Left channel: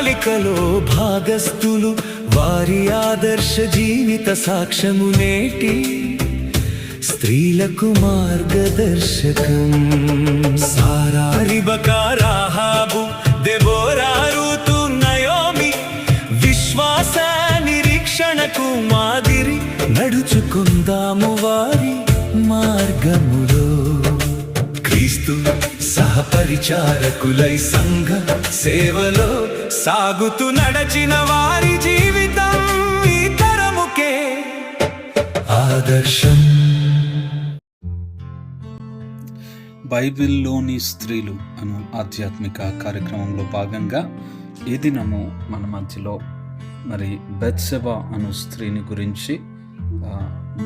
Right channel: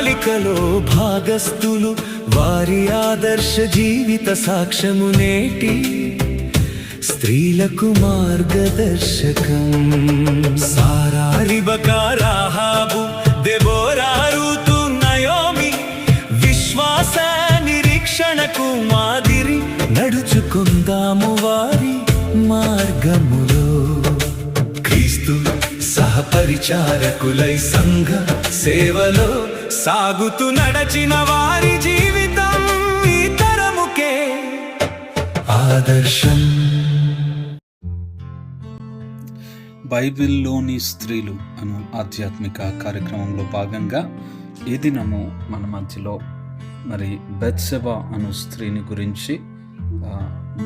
ప్రణాళికలో భాగస్థులు, వారి ఆదర్శ జీవిత సాక్ష్యము నేటి స్త్రీలకు మార్గదర్శకం. సారా, రిబకా, రాహాబు, దెబోరా, రూతు, నయోమి విశ్వాస నిరీక్షణకు మాదిరి. నడుచుకుందాము వారి మార్గములో, క్రీస్తు సహపరిచారకులై సంఘ సేవలో సాగుతూ నడచిన వారి జీవితం ఈ తరముకే ఆదర్శం. బైబిల్లోని స్త్రీలు అను ఆధ్యాత్మిక కార్యక్రమంలో భాగంగా ఈ దినము మన మధ్యలో బెత్షెబా అను స్త్రీని గురించి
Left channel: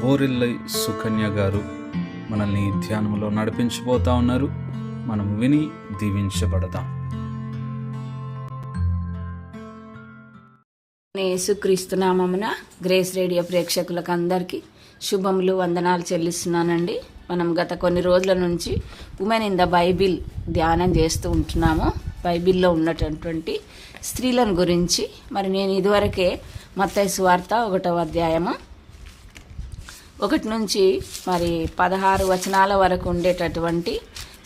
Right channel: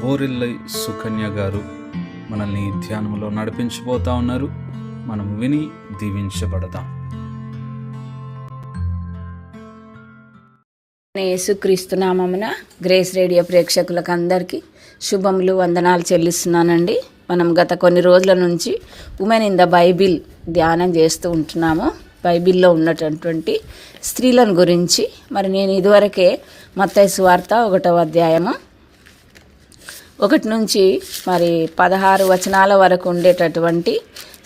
బోరిల్లై సుకన్య గారు మనల్ని ధ్యానంలో నడిపించబోతా ఉన్నారు. మనం విని దీవించబడదాం. యేసుక్రీస్తు నామమున గ్రేస్ రేడియో ప్రేక్షకులకు అందరికీ శుభములు, వందనాలు చెల్లిస్తున్నానండి. మనం గత కొన్ని రోజుల నుంచి ఉమెన్ ఇన్ ద బైబిల్ ధ్యానం చేస్తూ ఉంటున్నాము. బైబిల్లో ఉన్నటువంటి స్త్రీలను గురించి. నేను ఇదివరకే మత్తయి సువార్త 1వ అధ్యాయము 1 నుంచి 16 వచనాల వరకు ఉండేటటువంటి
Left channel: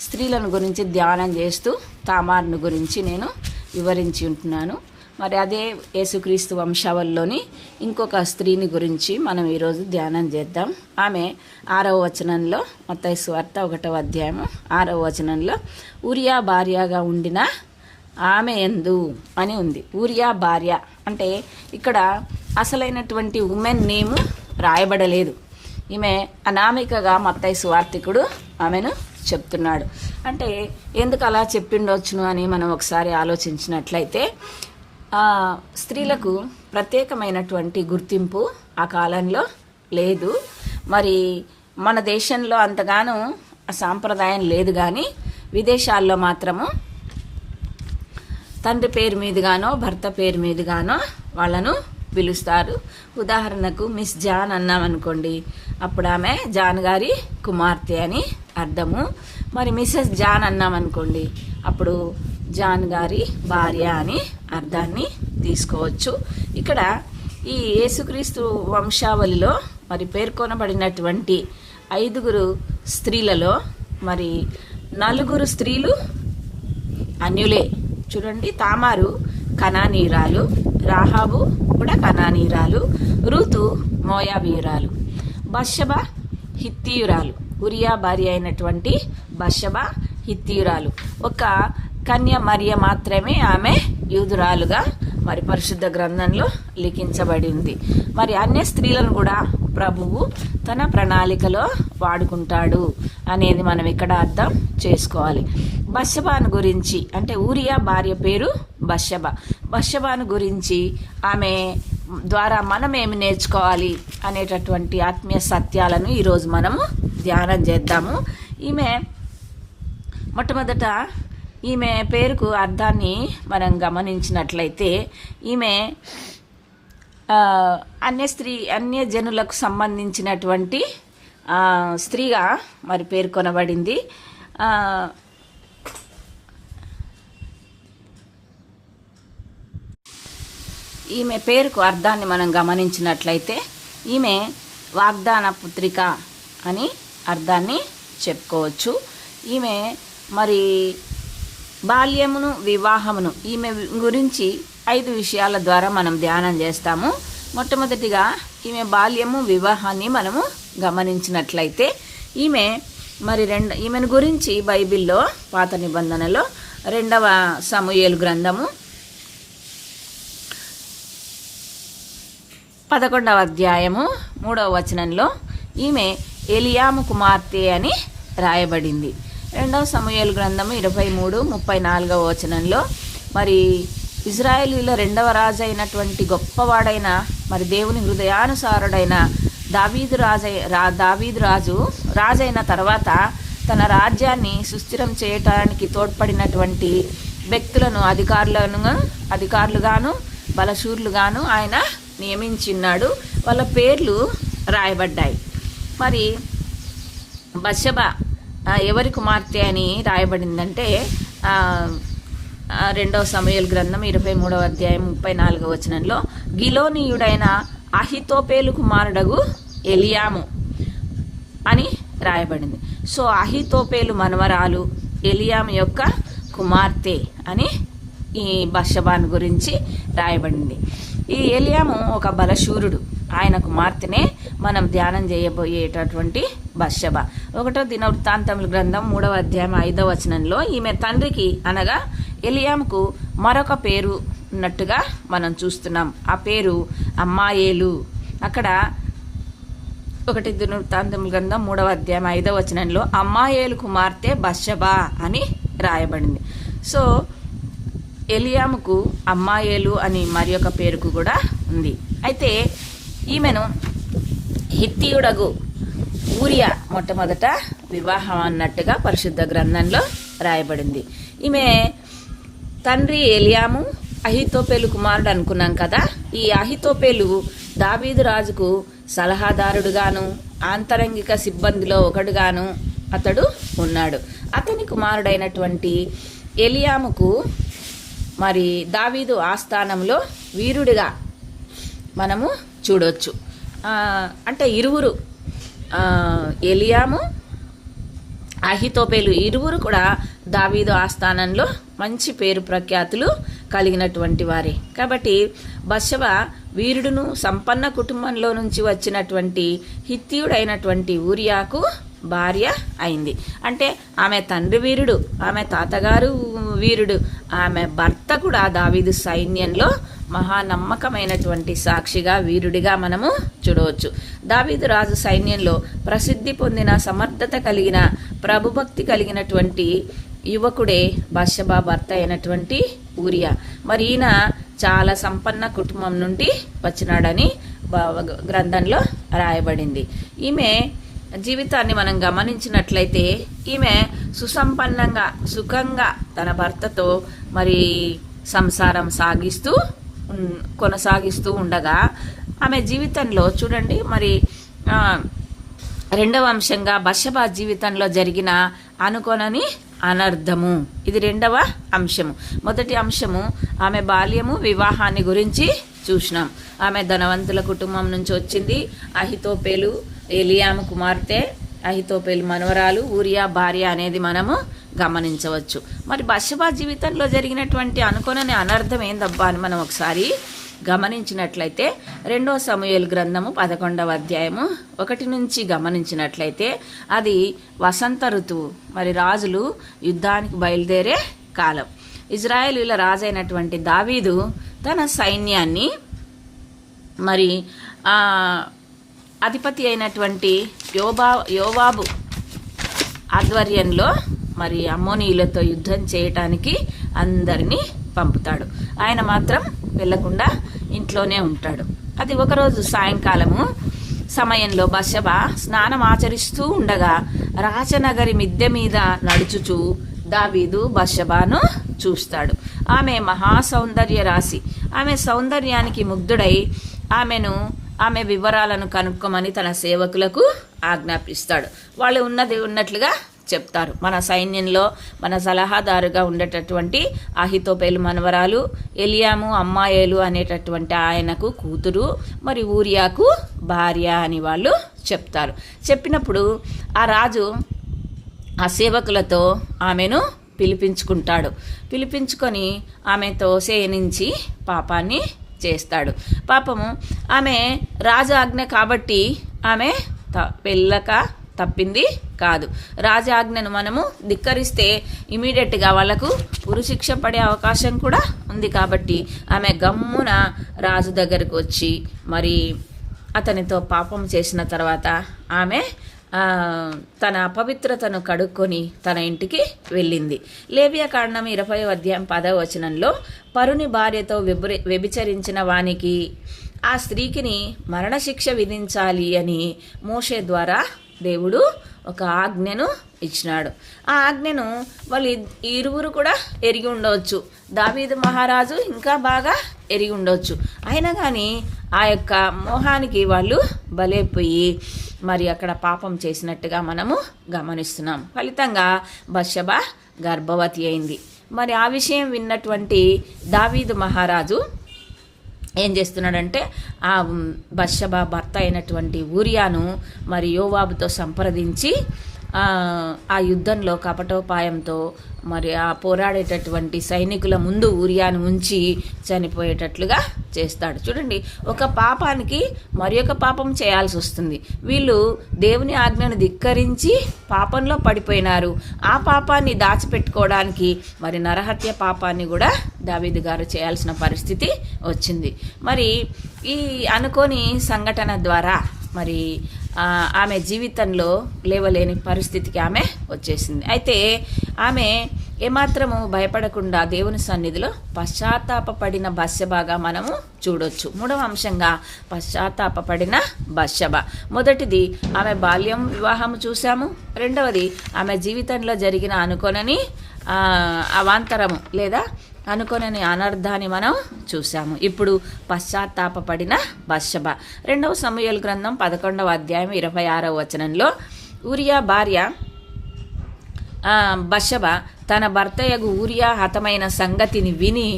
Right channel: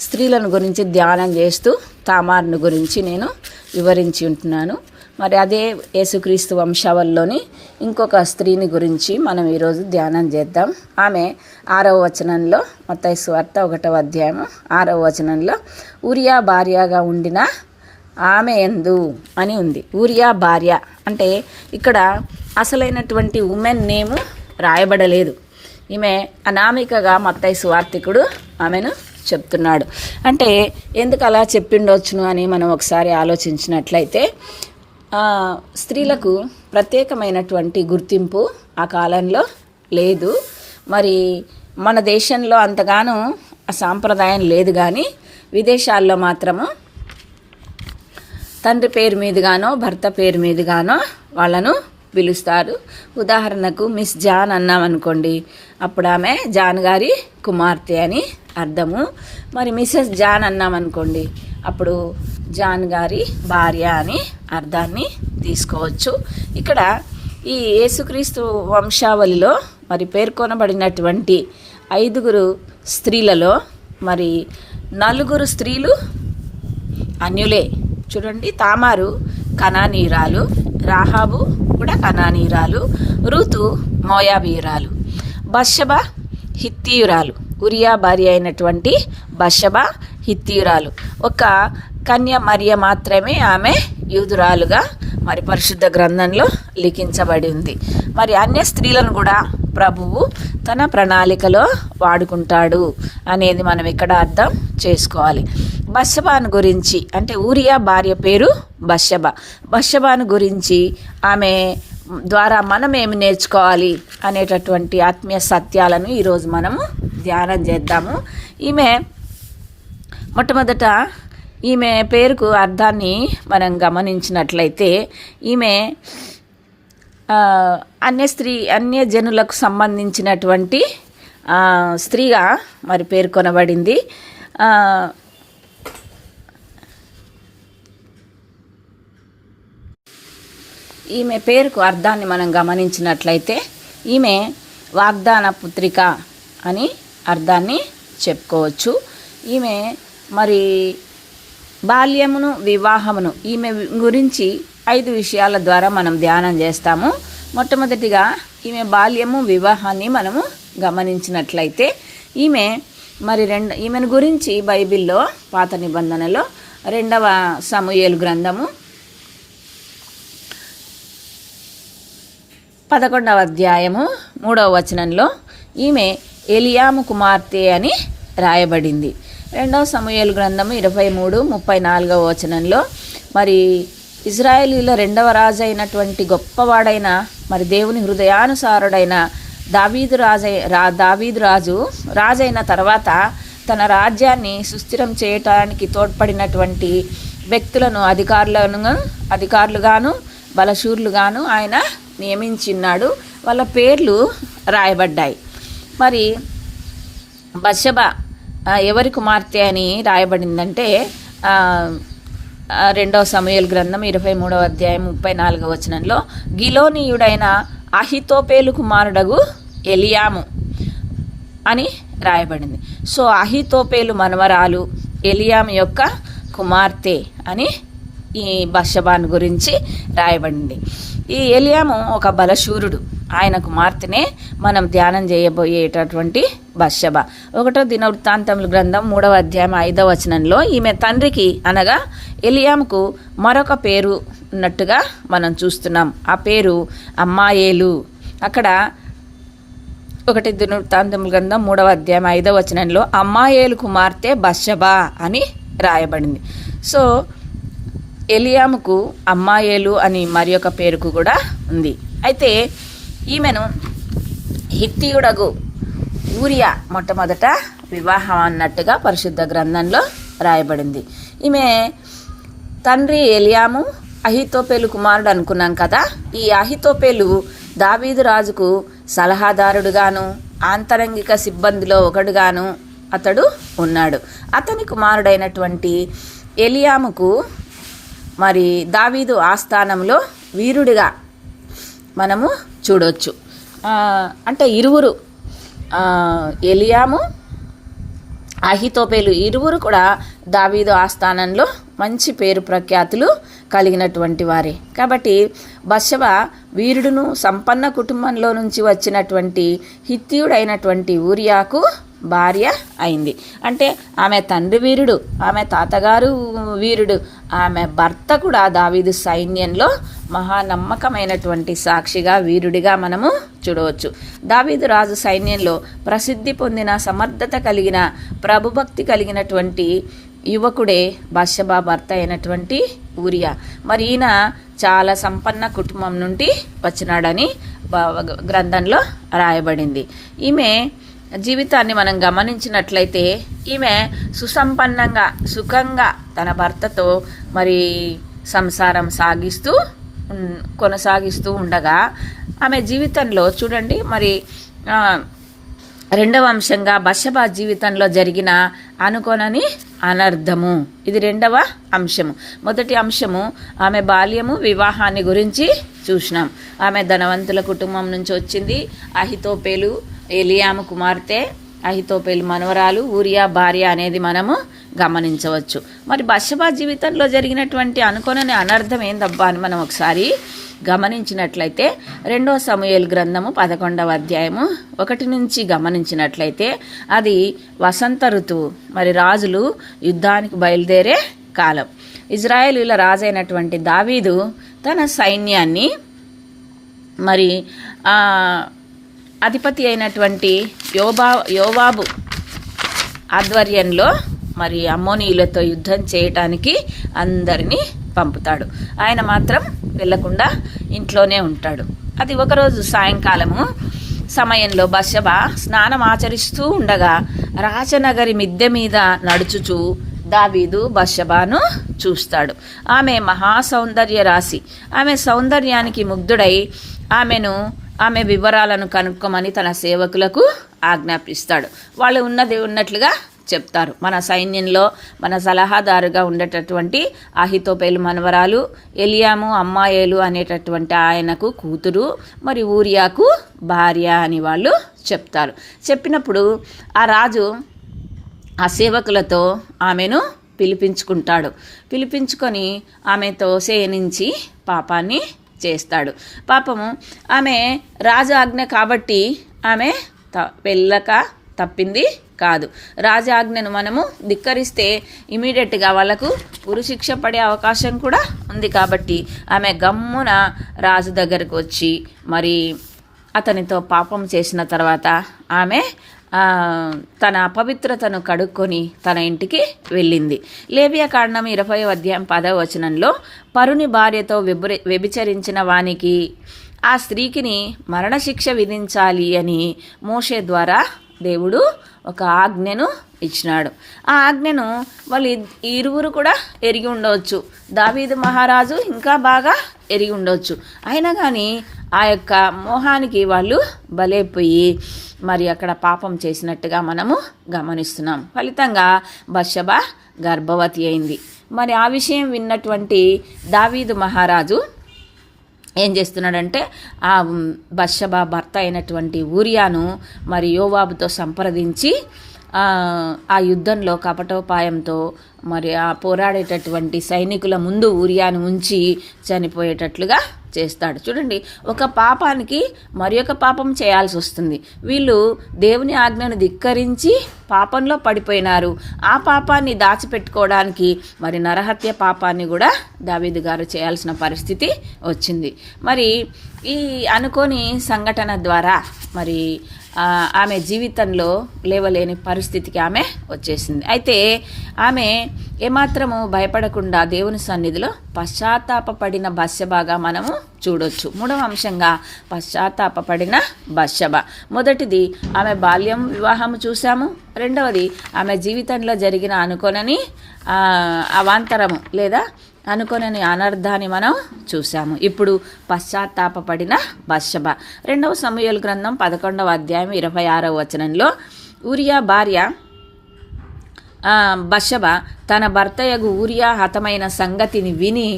స్త్రీలను గురించి ధ్యానం చేస్తూ తామారును గురించి నేను వివరించి ఉంటున్నాను. అదే యేసుక్రీస్తు వంశావళిలోని ఇంకొక స్త్రీని గురించి మనం ఈరోజు ధ్యానం చేద్దాం. ఆమె 6వ వచనంలో, మత్తయి సువార్త 1వ అధ్యాయం 6వ వచనంలో ఊరియా భార్యగా ఉండిన ఆమె యందు అని ఉంది. ఊరియా భార్య అంటే ఇక్కడ అసలైనటువంటి ఉమెన్ నేము రాయబడలేదు. ఈమె అనామికగా మత్తయి సువార్తికుడు ఆమెను చెప్తున్నాడు. అంటే ఎందుకు అలా చెప్పిండొచ్చును అని మనం ఒకసారి ఆలోచించినట్లయితే, స్త్రీలకు ప్రత్యేకమైనటువంటి గుర్తింపు ఆ కాలంలో లేదు. మన దేశంలో అంతగానో ఆ సాంప్రదాయం లేదు, కానీ విదేశాల్లో మాత్రము తండ్రి పేరు మీదుగానో భర్త పేరు మీదుగానో వాళ్ళను పిలుస్తారు. ఉదాహరణకు మిస్ జాన్ అన్నామనుకోండి, అప్పుడు ఆమె జాన్ గారి కుమార్తె అని అర్థము. మిసెస్ జాన్ అన్నామనుకోండి, అప్పుడు జాన్ గారి భార్య అని అర్థాన్ని తీసుకోవచ్చు. ఇక్కడ ఈ యేసుక్రీస్తు వంశావళిలో పేర్కొనబడినటువంటి 5 స్త్రీలలో 4 స్త్రీలు అన్యులే. చూడండి, తామారు కనానీయురాలు, రాహాబు కూడా కనానీయురాలు, రూతు మోయాబీయురాలు, బత్షెబా హిత్తీయురాలు, ఉరియా భార్య అయినటువంటి బత్షెబా హిత్తీయురాలు. ఒక కన్య మరియ మాత్రమే ఆమె యూదురాలుగా పరిశుద్ధ గ్రంథంలో లిఖించబడి ఉంది. అన్య స్త్రీలను కూడా ప్రభువు తన ప్రణాళికలో వాడుకుంటాడు అనేది మనం ఇక్కడ అర్థం చేసుకోవాలి. బత్షెబాను గురించి, అంటే ఊరియా భార్య పేరు బత్షెబాను గురించి, ఆమె ద్వారా మనం ఏమి నేర్చుకోవాలి అనేటటువంటి ఆత్మీయ సత్యాలను ఈరోజు మనము ధ్యానం చేద్దాము. మొట్టమొదట ఈమె పేరుకు అర్థాన్ని మనం గమనించినట్లయితే, ఈమె అన్య జనులకు సంబంధించినటువంటి స్త్రీగా పేర్కొనబడింది. ఈమె పేరుకు అర్థాన్ని మనం గమనించినట్లయితే, ఈమె వాగ్దాన పుత్రిక అని అర్థాన్ని చెప్పుకోవచ్చు. ఈమె బాల్యమును వివాహమును ఈమె గురించి 5 విషయాల ద్వారా మనం ధ్యానం చేస్తాము. మొట్టమొదటిగా ఈమె బాల్యము వివాహాన్ని మనము గమనించినట్లయితే, ఈమెను గురించి బైబిల్లో పాత నిబంధనలో 2వ సమూయేలు గ్రంథము 11వ అధ్యాయము 3వ వచనంలో ఈమె ఎలియాము కుమార్తె అని రాయబడింది. 2వ సమూయేలు గ్రంథము 23-34వ వచనంలో ఇజ్రాయేలీల 2వ రాజు అయినటువంటి గొప్పవాడైన దేవుని హృదయానుసారుడైన దావీదు రాజైన తర్వాత తన రాజ్యాన్ని సుస్థిరం చేయటానికి తోడ్పడినటువంటి వ్యక్తులను అధికారులుగాను బలశూరులుగాను ఆయన నియమించిన్నాడు. వాళ్ళ పేర్లు రాయబడ్డాయి. బత్షెబా ఎవరి కుమార్తె అని రాయబడిందంటే రెండవ సమూయేలు గ్రంథం 23వ అధ్యాయం 34వ వచనంలో గిలోనీయుడైన అహితోపేలు కుమారుడగు ఎలియాము అని రాయబడింది. సో అహితోపేలు మనవరాలు ఎలియాము యొక్క కుమార్తె అని ఈ బత్షెబాను గురించి రాయబడింది. ఈ ఎలియాము ఒక బలశూరుడు. ఆయన కుమార్తెనే మనం ధ్యానం చేయబోయేటటువంటి బత్షెబ. 1వ దినవృత్తాంతముల గ్రంథం 3వ అధ్యాయం 5వ వచనంలో ఈమె తండ్రికి అనగా ఎలియాముకు మరొక పేరు ఉన్నట్టుగా మనం చూస్తున్నాం. ఆ పేరు అమ్మాయేలు. అక్కడ 1 దినవృత్తాంతముల గ్రంథం 3వ అధ్యాయం 5వ వచనంలో అమ్మాయేలు కుమార్తె బత్షెబ అని రాయబడింది. సో ఎలియాముకు అమ్మాయేలు అని మరి ఒక పేరుకు కూడా ఉంది. అయితే ఈమెను హిత్తీయుడగు ఊరియా మొట్టమొదట వివాహం అన్నట్టుగా పరిశుద్ధ గ్రంథంలో రాయబడింది. ఈమె తండ్రి ఎలియాము అహితోపేలు కుమారుడు అనుకున్నాం కదా. ఈ అహితోపేలు దావీదు రాజుకు సలహాదారుడుగాను ఆంతరంగిక సిబ్బందిలో ఒకడుగాను అతడు ఉన్నాడు. అతని కుమారుడైనటువంటి ఎలియాముకు మరి దావీదు ఆస్థానంలో వీరుడిగా మనము చూడవచ్చు. అంటే ఇరువురు ఎలియాము అహితోపేలు ఇరువురు కూడా దావీదు ఆస్థానంలో మంచి పేరు ప్రఖ్యాతులు కలిగినటువంటి వారే. కాబట్టి బత్షెబ వీరుడును సంపన్న కుటుంబంలో నుంచి వచ్చినటువంటి హిత్తీయుడైనటువంటి ఊరియాకు భార్య అయింది. అంటే ఆమె తండ్రి వీరుడు, ఆమె తాతగారు వీరుడు, ఆమె భర్త కూడా దావీదు సైన్యంలో మహానమ్మకమైనటువంటి సాక్షిగా వీరుడిగా మనము చూడవచ్చు. దావీదు రాజు సైన్యంలో ప్రసిద్ధి పొందిన సమర్థత కలిగిన ప్రభుభక్తి కలిగినటువంటి యువకుడే బత్షెబ భర్త అయినటువంటి ఊరియా. మరి ఈయన చాలా సంపన్న కుటుంబం నుండి వచ్చినాడని గ్రంథంలో రాయబడింది. ఈమె జీవితాన్ని మనం గమనించినట్లయితే ఈమె సుసంపన్నంగా సుఖంగా తన భర్తతో మరి సంసారం కొనసాగిస్తూ ఉండగా ఆమె జీవితంలో చూడండి మరి రెండవ అంశంగా బత్షెబ జీవితంలో జరిగిన అనుకోనని అనర్థము. ఇది రెండవ అంశము. మొదటి అంశము ఆమె బాల్యము వివాహాన్ని గురించి చూసినాం. ఆమె ధనవంతుల కుటుంబం నుంచి వచ్చింది. అహితోపేలు ఎలియాము కుమార్తె, అహితోపేలు మనవరాలు, ఊరియా భార్య అనేది మనము గమనించవచ్చు. మరి బత్షెబ జీవితంలో జరిగినటువంటి అనుకోనని అనర్థం ఏందబ్బా అని మనం ఒకసారి గమనించినట్లయితే 2వ సమూయేలు గ్రంథము 11వ అధ్యాయము 1 నుంచి గమనించినట్లయితే అది వసంత ఋతువు. మరి రాజులు యుద్ధానికి బయలుదేరే కాలం. ఇజ్రాయేలీల రాజైనటువంటి దావీదు తన సైన్యాన్ని మరి అధిపతి అయినటువంటి యోవాబు ఆధ్వర్యంలో మరి అమ్మోనీయులతో యుద్ధం చేయటానికి అందరినీ పంపుతాడు. ఆయన మాత్రం వెళ్లకుండా ఇంట్లోనే ఉంటాడు. అది ఒకరోజు సాయంకాలము సమయంలో బత్షెబ స్నానం ఆచరిస్తూ ఉండగా రాజనగరి మిద్దె మీద నడుచుచూ దావీదు బత్షెబను చూస్తాడు. ఆమె మహాసౌందర్య రాశి. ఆమె సౌందర్యానికి ముగ్ధుడై ఆమె వివరాలను కనుక్కోమని తన సేవకులకు ఆజ్ఞాపిస్తాడు. వాళ్ళు ఉన్నది ఉన్నట్లుగా చెప్తారు. మన సైన్యంలో మన సలహాదారుగా ఉండేటటువంటి అహితోపేలు మనవరాలు ఎలియాము అమ్మాయేలు అనేటటువంటి ఆయనకు కూతురు, మరి ఊరియాకు భార్య అని వాళ్ళు చెప్తారు. చెప్పినప్పుడు ఆ రాజు ఆ సేవకులతో ఆమెను పిలిపించుకుంటాడు. పిలిపించుకొని ఆమెతో శయనించి పాపాన్ని చేస్తాడు. పాపము ఆమె రాజు ఆజ్ఞ కాబట్టి ఆమె వెళ్ళక తప్పింది కాదు. రాజాజ్ఞను మనము ధిక్కరిస్తే ఇమీడియట్గా వాళ్ళకు ఉరిశిక్ష పడే అవకాశం కూడా ఉంది. కాబట్టి ఆమె గమ్మున రాజు దగ్గరకు వచ్చి మరి అతనితో పాపం చేసిన తర్వాత ఆమె తన అపవిత్రతను కడుక్కొని తన ఇంటికి వెళ్ళింది. లేవియాకాండం 20వ అధ్యాయం 10వ వచనంలో పరుని భార్యతో వ్యభిచరించిన వానికి ఆ స్త్రీకిని మరణశిక్ష విధించాలి అని మోషే ద్వారా దేవుడు ఒక ఆజ్ఞను ఇచ్చినాడు. ఆ ఆజ్ఞను వాళ్ళు ఇరువురు కూడా ఎరిగి ఉండవచ్చు. దావీదు మహారాజు ఇంకా బాగా ఎరిగి ఉండవచ్చు. అయినా కానీ ఆ యొక్క మోహానికి వాళ్ళు బలైపోయి మరి అక్కడ పాపం చేసినట్టుగా మనము గమనిస్తున్నాం. ఫలితంగా బత్షెబ గర్భవతి అయింది. మరి ఆ విషయం విన్నటువంటి దావీదు మహారాజు ఏం చేస్తున్నాడంటే ఆ బత్షెబా భర్త అయినటువంటి ఊరియాను మరి యోవాబుతో సంప్రదించి ఆ యుద్ధంలో కపటోపాయంతో మరి ఆ పోరాడేటటువంటి సైనికుల ముందు ఊరియాను ఉంచి చనిపోయేటట్లుగా చేస్తాడు. చూడండి, ఒక పాపానికి మరి ఒక పాపం చేయాల్సి వస్తుంది. వీళ్ళు దేవుని ఆజ్ఞను ధిక్కరించి పాపంలో పడిపోయినారు. ఆ పాపాన్ని దాచిపెట్టుకోవడానికి మరి నరహత్య పాపాన్ని కూడా దావీదు గారు చేయాల్సిన పరిస్థితి వచ్చింది. మరి ఈ అనుకోని సంఘటన ద్వారా మరి ఆమె జీవితంలో లేవలేని పరిస్థితికి ఆమె వచ్చేసింది. అయితే ఆమె ఏమాత్రము భయపడకుండా దేవుని సన్నిధిలో పశ్చాత్తాపపడిన బత్షెబగా మనము చూడొచ్చు. మూడవ అంశంగా పశ్చాత్తాపపడిన బత్షెబ. మొదటిది ఆమె బాల్యం వివాహము చూసాము. రెండవది ఆమె జీవితంలో జరిగిన అనుకోనని అవాంతరము లేదా అనుకోనని అనర్థాన్ని మనం చూసాము. ఇప్పుడు పశ్చాత్తాపపడిన బత్షెబ. 2వ సమూయేలు గ్రంథం 11వ అధ్యాయం 26వ వచనంలో ఊరియా భార్య బత్షెబ తన భర్తయగు ఊరియా హతమైన సంగతిని విని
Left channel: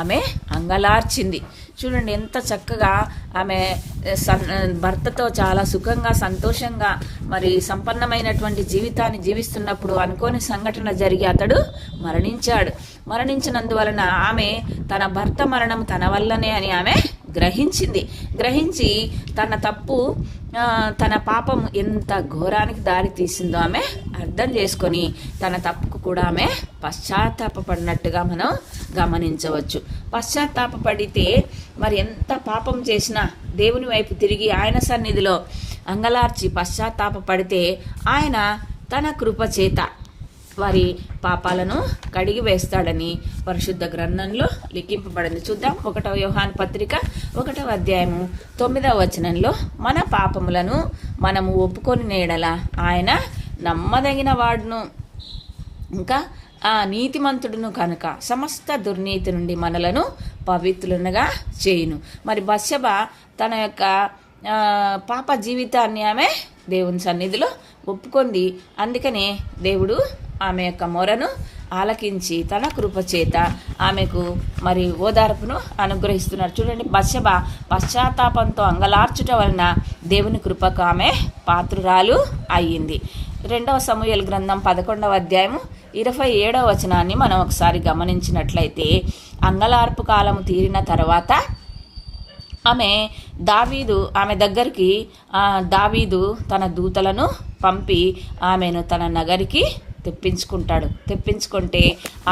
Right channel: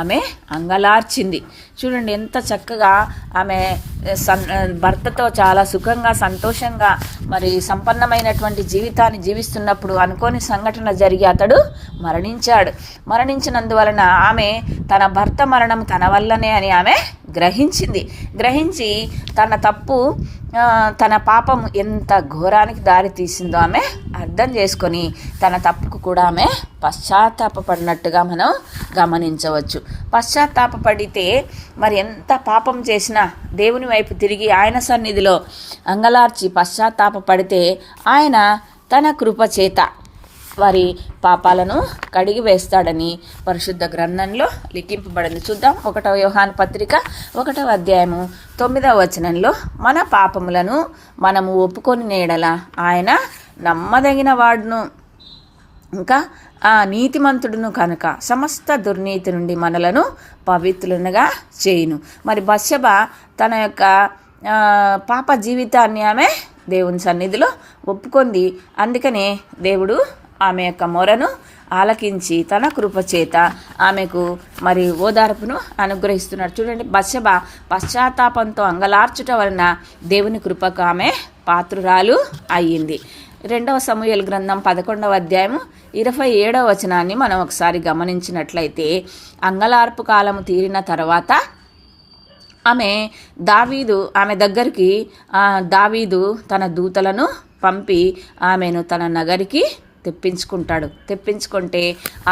ఆమె అంగలార్చింది. చూడండి, ఎంత చక్కగా ఆమె భర్తతో చాలా సుఖంగా సంతోషంగా మరి సంపన్నమైనటువంటి జీవితాన్ని జీవిస్తున్నప్పుడు అనుకోని సంఘటన జరిగి అతడు మరణించినందువలన ఆమె తన భర్త మరణం తన వల్లనే అని ఆమె గ్రహించి తన తప్పు తన పాపం ఎంత ఘోరానికి దారి తీసిందో ఆమె అర్థం చేసుకొని తన తప్పుకు కూడా ఆమె పశ్చాత్తాపపడినట్టుగా మనం గమనించవచ్చు. పశ్చాత్తాపడితే మరి ఎంత పాపం చేసినా దేవుని వైపు తిరిగి ఆయన సన్నిధిలో అంగలార్చి పశ్చాత్తాపడితే ఆయన తన కృప చేత వారి పాపాలను కడిగి వేస్తాడని పరిశుద్ధ గ్రంథంలో లిఖింపబడింది. చూద్దాం. 1వ యోహాను పత్రిక 1వ అధ్యాయము 9వ వచనంలో మన పాపములను మనము ఒప్పుకొని నేడల ఆయన నమ్మదగిన వాడును ఇంకా నీతిమంతుడును కనుక సమస్త దుర్నీతి నుండి మనలను పవిత్రులుగా చేయును. మరి బత్షెబ తన యొక్క పాప జీవితాన్ని ఆమె దేవుని సన్నిధిలో ఒప్పుకుంది. అందుకనే దేవుడు ఆమె యొక్క మొరను ఆలకించి తన కృపచేత ఆమెకు మరి ఓదార్పును అనుగ్రహిస్తున్నారు. చూడండి, బత్షెబ పశ్చాత్తాపంతో అంగలార్చుట వలన దేవుని కృపకు ఆమె పాత్రురాలు అయ్యింది. 2వ సమూయేలు గ్రంథం 11వ అధ్యాయము 27వ వచనాన్ని మనం ఒకసారి గమనించినట్లయితే అంగలార్పు కాలము తీరిన తర్వాత ఆమె దగ్గరికి దావీదు తన దూతలను పంపి ఆమెను తన నగరికి తెప్పించుకుంటే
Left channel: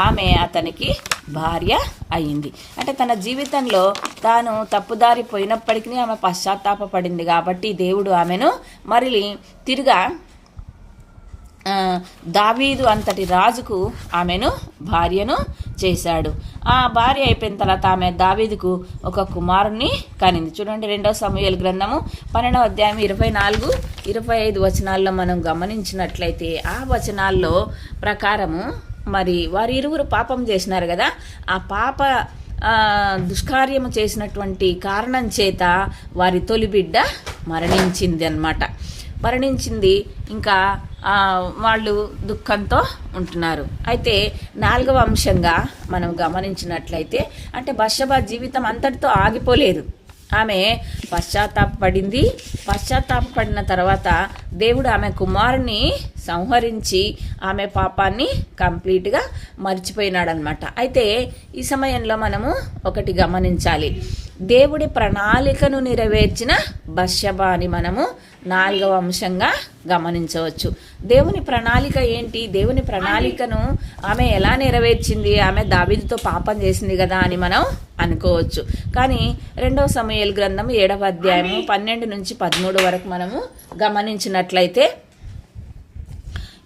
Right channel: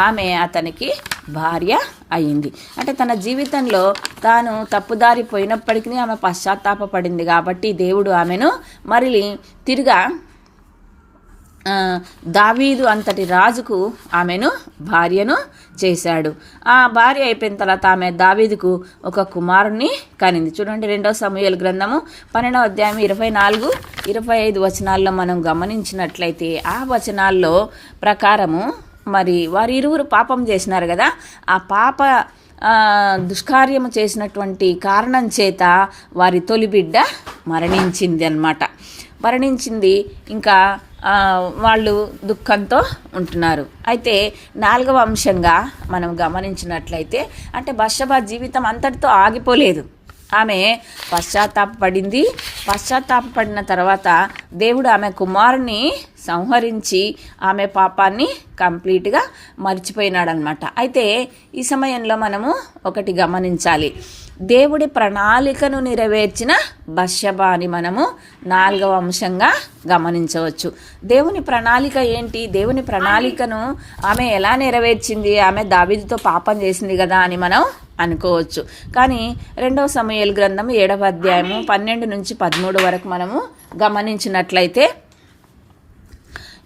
ఆమె అతనికి భార్య అయింది. అంటే తన జీవితంలో తాను తప్పుదారి పోయినప్పటికీ ఆమె పశ్చాత్తాపపడింది కాబట్టి దేవుడు ఆమెను మరలి తిరిగా దావీదు అంతటి రాజుకు ఆమెను భార్యను చేశాడు. ఆ భార్య అయిపోయిన తర్వాత ఆమె దావీదుకు ఒక కుమారుణ్ణి కనింది. చూడండి, 2వ సమూయేలు గ్రంథము 12వ అధ్యాయం 24-25 వచనాల్లో మనం గమనించినట్లయితే ఆ వచనాల్లో ప్రకారము మరి వారి ఇరువురు పాపం చేసినారు కదా, ఆ పాప దుష్కార్యము చేసినటువంటి కారణం చేత వారి తొలి బిడ్డ మరణించింది. ఇంకా వాళ్ళు దుఃఖంతో ఉంటున్నారు. అయితే 4వ అంశంగా మనం గమనించినట్లయితే అంటే బత్షెబ జీవితం అంతటితో ఆగిపోలేదు. ఆమె పశ్చాత్తాపపడిన తర్వాత దేవుడు ఆమె కుమారుని సంహరించి ఆమె పాపాన్ని కంప్లీట్గా మర్చిపోయినాడనమాట. అయితే ఈ సమయంలో మనము ఒకటి గమనించాలి. దేవుడి ప్రణాళికను నెరవేర్చిన బత్షెబ అని మనము 4వ అంశంగా గమనించవచ్చు. దేవుని ప్రణాళిక ఏంటి? దేవుని ప్రణాళికను ఆమె ఎలా నెరవేర్చింది? ఆమె దావీదుతో పాపం చేసింది కదా అని మనం అనుకోవచ్చు. కానీ 2వ సమూయేలు గ్రంథం 7వ అధ్యాయము 12-13 వరకు మనము గమనించినట్లయితే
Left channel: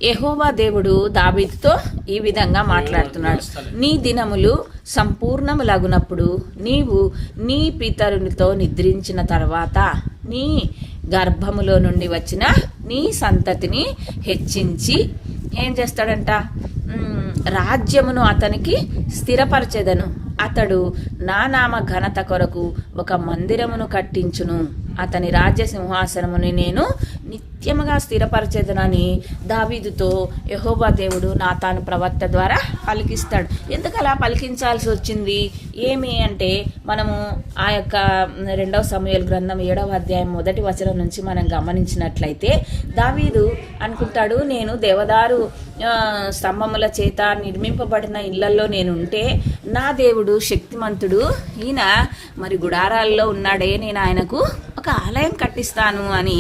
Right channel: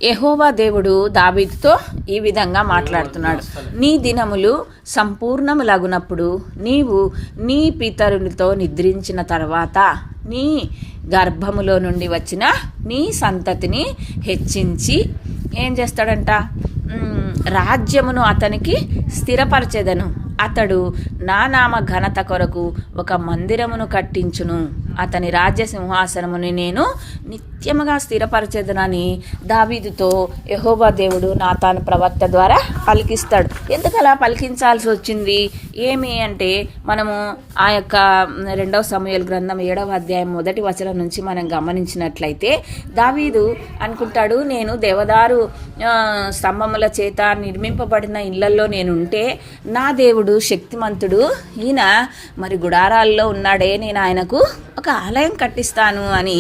యెహోవా దేవుడు దావీదుతో ఈ విధంగా మాట్లాడుతున్నాడు. నీ దినములు సంపూర్ణములగునప్పుడు నీవు నీ పితరునితో నిద్రించిన తర్వాత నీ గర్భములో నుండి వచ్చిన నీ సంతతిని హెచ్చించి ఏం చేస్తాడంట? రాజ్యమును అతనికి స్థిరపరచెదను. అతడు నా నామ ఘనత కొరకు ఒక మందిరమును కట్టించును. అతని రాజ్య సింహాసనముని నేను నిత్య నిత్యముగా స్థిరపరచెదనని దావీదుతో యెహోవా దేవుడు నాతాను ప్రవక్త ద్వారా పలికిస్తాడు. ఎందుకు అలా పలికించాల్సి వచ్చింది ఏమి అంటే, మనము ఆ యొక్క 2 సమూయేలు గ్రంథం 7వ అధ్యాయం 1వ వచనం నుంచి మనం గమనించినట్లయితే దావీదు అనుకుంటాడు, నేను దేవదారు స్తంభముల చేత నిర్మింపబడిన ఇళ్లలో నేనుంటే నా దేవుడు శక్తిమంతుడు, ఈయన మరి గుడారాల్లో ఉన్నాడే, నేను ఆయనకు ఒక ఆలయం కట్టిస్తాను అని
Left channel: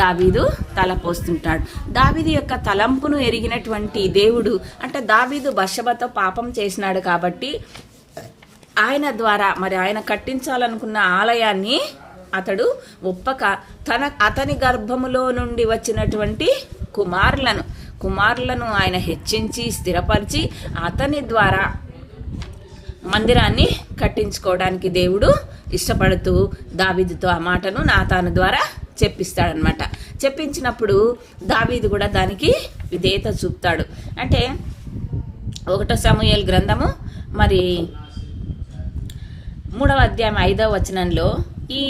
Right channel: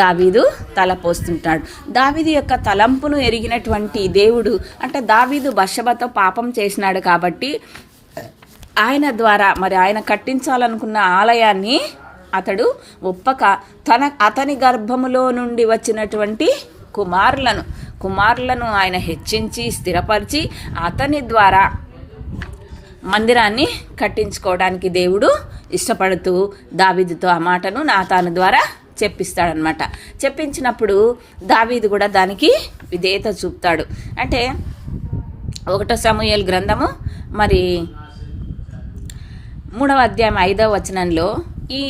దావీదు తలపోస్తుంటాడు. దావీదు యొక్క తలంపును ఎరిగినటువంటి దేవుడు, అంటే దావీదు బత్షెబతో పాపం చేసినాడు కాబట్టి ఆయన ద్వారా మరి ఆయన కట్టించాలనుకున్న ఆలయాన్ని అతడు ఒప్పక అతని గర్భములో నుండి వచ్చినటువంటి కుమారులను ఆయన హెచ్చించి స్థిరపరిచి అతని ద్వారా మందిరాన్ని కట్టించుకోవడానికి దేవుడు ఇష్టపడుతూ దావీదుతో ఆ మాటను నాతాను ద్వారా చెప్పిస్తాడనమాట. చెప్పించినప్పుడు దావీదు కూడా దానికి విధేయత చూపుతాడు. అంటే 1 సమూయేలు గ్రంథము మరి 3వ అధ్యాయం 5వ వచనంలో ఈ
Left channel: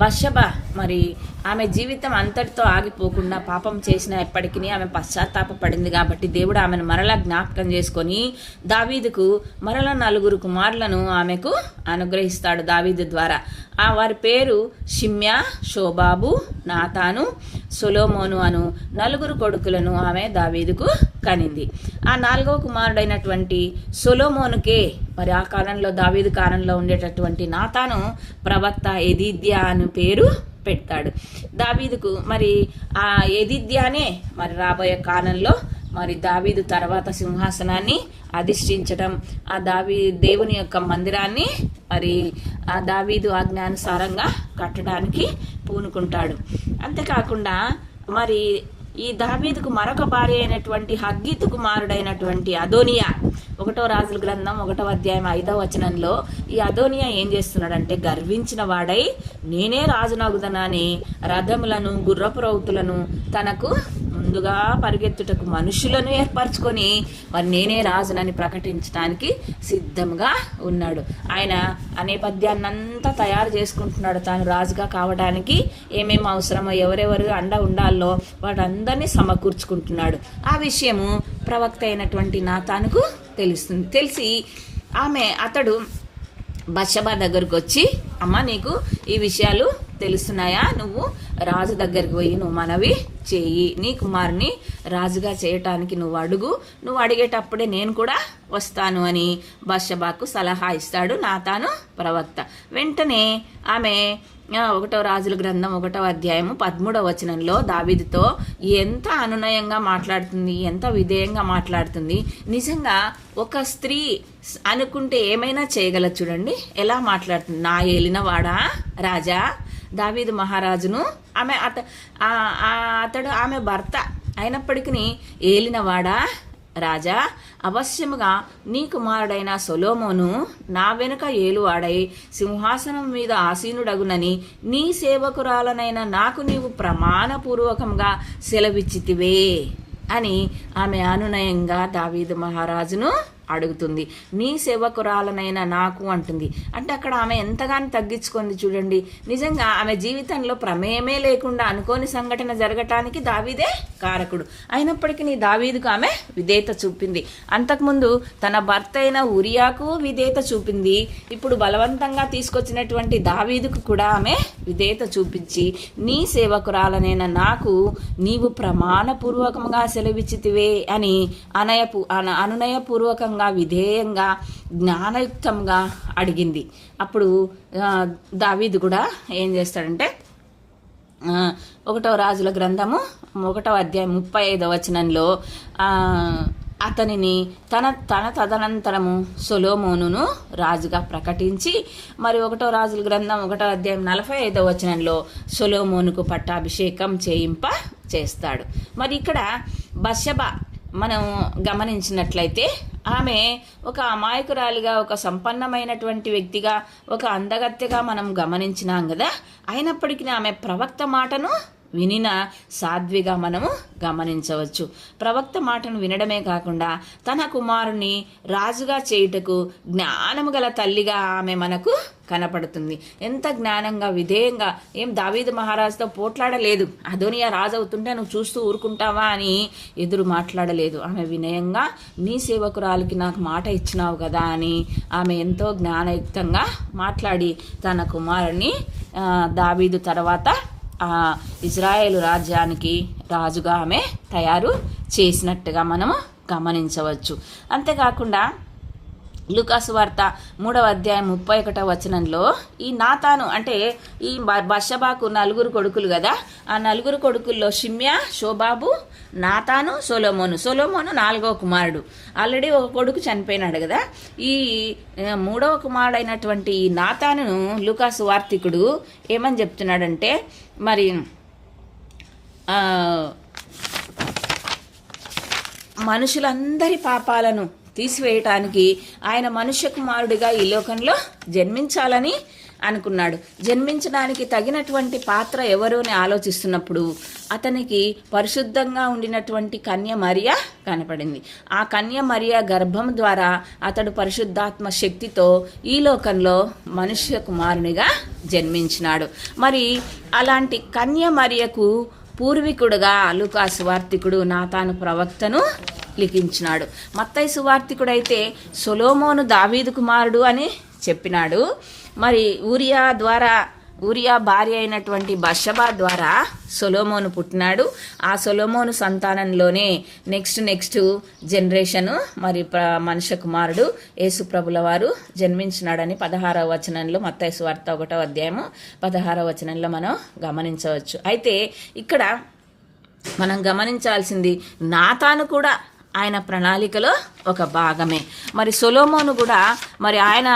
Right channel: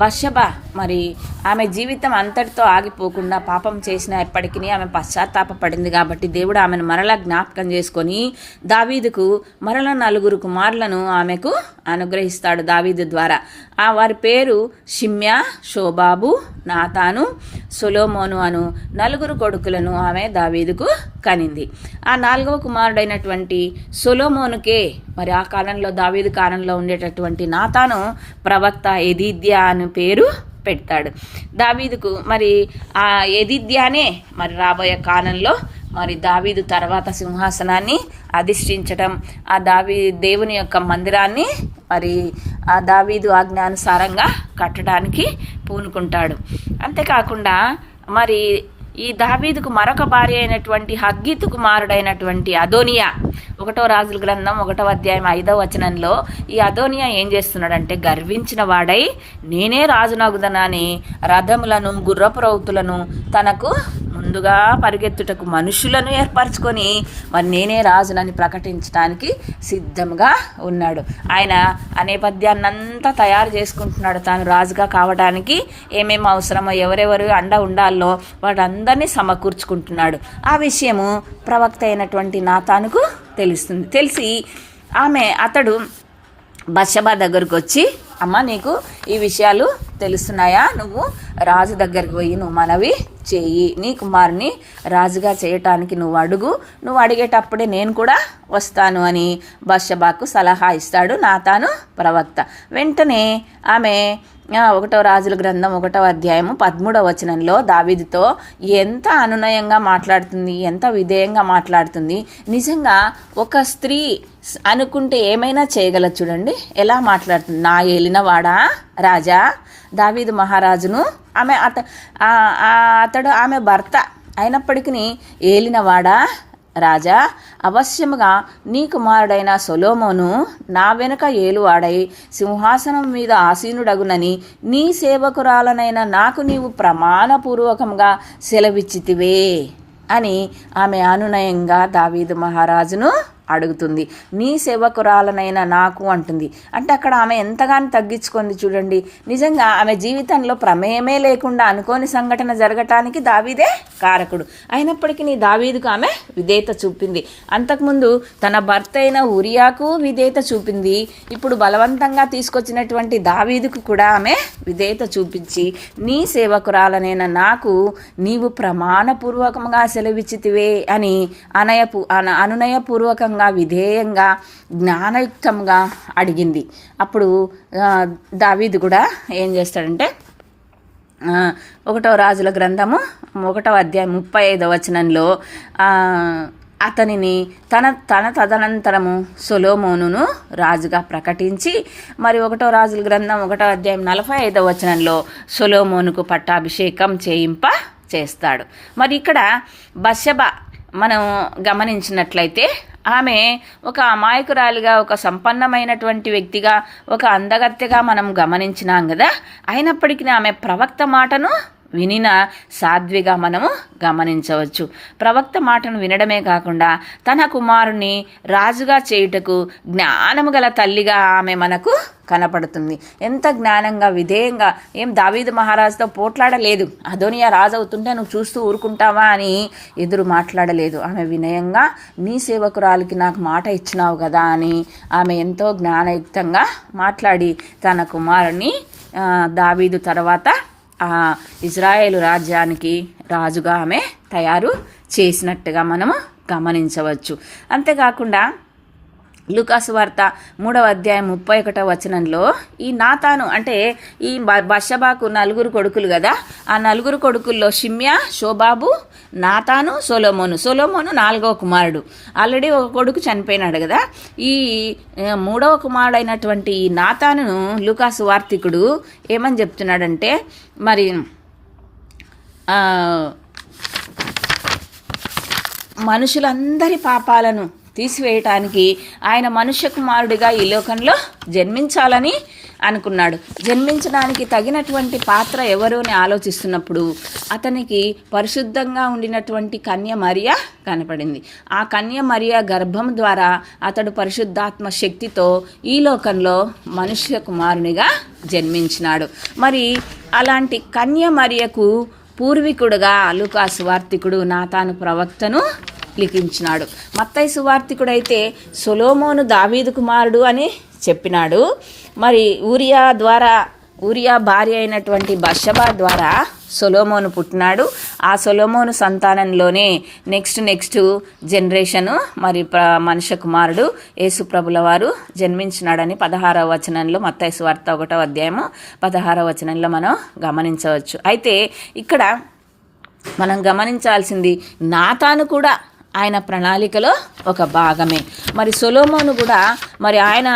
బత్షెబ మరి ఆమె జీవితం అంతటితో ఆగిపోకుండా పాపం చేసిన ఎప్పటికీ ఆమె పశ్చాత్తాపపడింది కాబట్టి దేవుడు ఆమెను మరలా జ్ఞాపకం చేసుకొని దావీదుకు మరలా 4 కుమారులను ఆమెకు అనుగ్రహిస్తాడు దావీదు ద్వారా. వారి పేరు షిమ్యా, షోబాబు, నాతాను, సొలొమోను అను 4 కొడుకులను ఆమె దావీదుకు కనింది. ఆ 4వ కుమారుడైనటువంటి సొలొమోనుకే మరి ఆ కాలంలో దావీదు కాలంలో ఉండేటటువంటి నాతాను ప్రవక్త ఎదిద్యా అని పేరు పెట్టాడు దావీదుకు. మరి ఆ ఎదిద్యానే మరి రాబోయే కాలంలో మరి దావీదు తర్వాత సింహాసనాన్ని అధిష్ఠించడం, ఆ దేవుని యొక్క మందిరాన్ని మరి ఆ దావీదు ఆజ్ఞానుసారంగా కట్టడానికి పూనుకుంటాడు. అంతేకాకుండా మరి ఈ దావీదుకు మరొక భార్య అయినటువంటి హగ్గీతు కుమారుడైనటువంటి అదోనియా 1వ రాజుల గ్రంథం 1వ అధ్యాయం 5వ వచనంలో ఈ అదోనియా ఏం చేస్తున్నాడంటే, గర్వించిన వాడై నేనే రాజునగుదనని రథములను గుర్రపు రౌతులను తనకు ముందుగా పరిగెత్తుటకు మనుషులను ఏర్పరచుకొని మరి నేనే రాజునని ప్రకటించడానికి సిద్ధంగా ఉన్నాడు. ఆయన ఆ నేపథ్యాన్నంతా తయారు చేసుకుంటున్నాడు. తాను రాజుగా కావడానికి ఏమేమి అవసరమో, ఎవరెవరు అండ ఉండాలో వాటందరినీ సమకూర్చుకుంటున్నాడు. ఆ విషయము ప్రవక్త అయినటువంటి నాతానుకు తెలుస్తుంది. తెలిసి అతడు బత్షెబ దగ్గరకు వచ్చి, అమ్మ నీకు ఈ విషయాలు తెలుస్తున్నాయా? నువ్వు రాజు దగ్గరికి పోయి నువ్వు మనవి చేయి, నీ కుమారుని రాజుగా చేయటానికి నువ్వు అడిగేటప్పుడే నేను కూడా వస్తాను అని బత్షెబకు సలహా ఇస్తాడు నాతాను ప్రవక్త. వెంటనే ఆమె 1వ రాజుల గ్రంథం 1వ అధ్యాయము 13వ వచనంలో దావీదుతో ఎంత అనునయంగా మాట్లాడుతుంది, ఎంత విధేయంగా మాట్లాడుతుంది. నిజంగా ఒక స్త్రీ అనుకుంటే ఏమైనా చేయగలదు. చూడండి ఎలా మాట్లాడుతుంది. నా ఏలినవాడా రాజా, దావీదు మహారాజును అతడు ఆమె భర్త అయినప్పటికీ ఏలినవాడా రాజా, అవశ్యముగా నీ కుమారుడైన సొలొమోను నా వెనుక ఏలువాడై సింహాసనం మీద ఆసీనుడగునని నీ సేవకురాలనైన నాకు నీవు ప్రమాణపూర్వకంగా సెలవిచ్చితివే అని ఆమె అనునయంగా దావీదు మహారాజును అడుగుతుంది. నీ సేవకురాలనైనా నాకు అంటుంది. అంటే అక్కడ ఆమె ఎంతగానో తగ్గించుకుంది. చూడండి, నిజంగా ఆమె జీవితంలో ప్రమేయమే లేకుండా అనుకోని సంఘటన జరగటానికి దావీదే కారకుడు. అయినప్పటికీ దావీదుకు ఆమె విధేయత చూపింది. అంతకుముందు తన భర్త అయిన ఉరియాకు విధేయత చూపింది. ఇప్పుడు బలవంతంగా తీసుకొచ్చినటువంటి దావీదుకు కూడా ఆమె విధేయత చూపించి, నీ సేవకురాలనైనా నాకు నీవు ప్రమాణపూర్వకంగా సెలవిచ్చితివే అని అనునయపూర్వకంగా విధేయంగా జ్ఞానయుక్తంగా అడిగింది. అప్పుడు దావీదు కూడా ఏం చేస్తాడంటే 1వ రాజుల గ్రంథము 1వ అధ్యాయం 35వ వచనంలో అతనిని తన తదనంతరము సొలొమోనును రాజుగా ప్రకటించి మరి 1వ రాజుల గ్రంథం 1వ అధ్యాయం 45వ వచనంలో సొలొమోనుకు పట్టాభిషేకం చేస్తాడు. మరి ఇక్కడ బత్షెబ మనం గమనించినట్లయితే ఆమె ఒక అమాయకురాలిగా, ఒక సంపన్నమైనటువంటి వ్యక్తిగా, ఒక అందగత్తెగా మనం గమనించినాం కదా. అయినప్పటికీ ఆమె ప్రవక్త మాటను వినిన సాధ్విగా మనము గమనించవచ్చు. ప్రవక్త మాటను వినడమే కాకుండా తన కుమారుని రాజుగా చేయుటకు జ్ఞానము గల తల్లిగా ఆమె మనకు కనపడుతుంది. ఎంత జ్ఞానంగా విధేయంగా, ఏం దావీదు మహారాజుతో పోట్లాడలేదు, అదోనియా రాజు అవుతుంటే నువ్వు చూస్తూ ఊరుకుంటావా అని ఎదురు మాట్లాడలేదు. ఆమె వినయంగా నీ సేవకురాలికి నాకు మాట ఇచ్చినావు కదా అని ఆమె ఎంతో జ్ఞానయుక్తంగా మాట్లాడి తన కుమారుని దావీదు తర్వాత ఇజ్రాయేలు రాజ్యానికి రాజుగా ఆమె తయారు చేసినట్టుగా మనము గమనించవచ్చు. అంతేకాకుండా లూకాసు వార్త 3వ అధ్యాయం 31వ వచనంలో ఈ నాతాను అంటే ఈ బషబాకు 4 కొడుకులు కదా, ఆ 4 కొడుకుల్లో షిమ్యా, షోబాబు, నాతాను, సొలొమోను 4వ కుమారుడు. ఆల్రెడీ ఒక కొడుకు చనిపోయినాడు కదా. ఈ 3వ కుమారుడైనటువంటి ఈ నాతానును లూకాసు వార్తికుడు ఏమని చెప్తున్నాడంటే, మరి మనుషులందరి పాపాలను తీసివేయటానికి ఆయన మనుష్య కుమారుడిగా ఈ లోకంలో జన్మించాలని అనుకున్నాడు. జన్మించడానికి తగినటువంటి పాత్ర ఎవరు అని ఆలోచిస్తున్నప్పుడు అతనికి పరిశుద్ధంగా ఉండినటువంటి కన్య మరియ కనపడింది. ఆ కన్య మరియ గర్భం ద్వారా అతడు పరిశుద్ధాత్మ శక్తితో ఈ లోకంలో మనుష్య కుమారునిగా జన్మించినాడు. మరి అలాంటి కన్య మరియకు పూర్వీకుడుగా లూకా సువార్తికుడు నాతాను ప్రవక్తను లిఖించినాడు. మత్తయి సువార్తికుడైతే సొలొమోను దావీదు కుమారుడు అని చెప్పినాడు. మరి ఊరియా భార్య అయినటువంటి బషబా ద్వారా సొలొమోను పుట్టినాడు. ఆ సొలొమోను సంతానంలోనే నెక్స్ట్ జనరేషను మరి మనుష్య కుమారుడు యేసుప్రభుల వారు జన్మించినాడని 16వ వచనంలో మత్తయి సువార్త 1వ అధ్యాయము 16వ వచనంలో మనం గమనించవచ్చు. అయితే ఇక్కడ మనం గమనించాల్సింది నాతాను కూడా ఆయన ప్రణాళికలో ఒక భాగమే. మరి సొలొమోను కూడా మరి ఆయన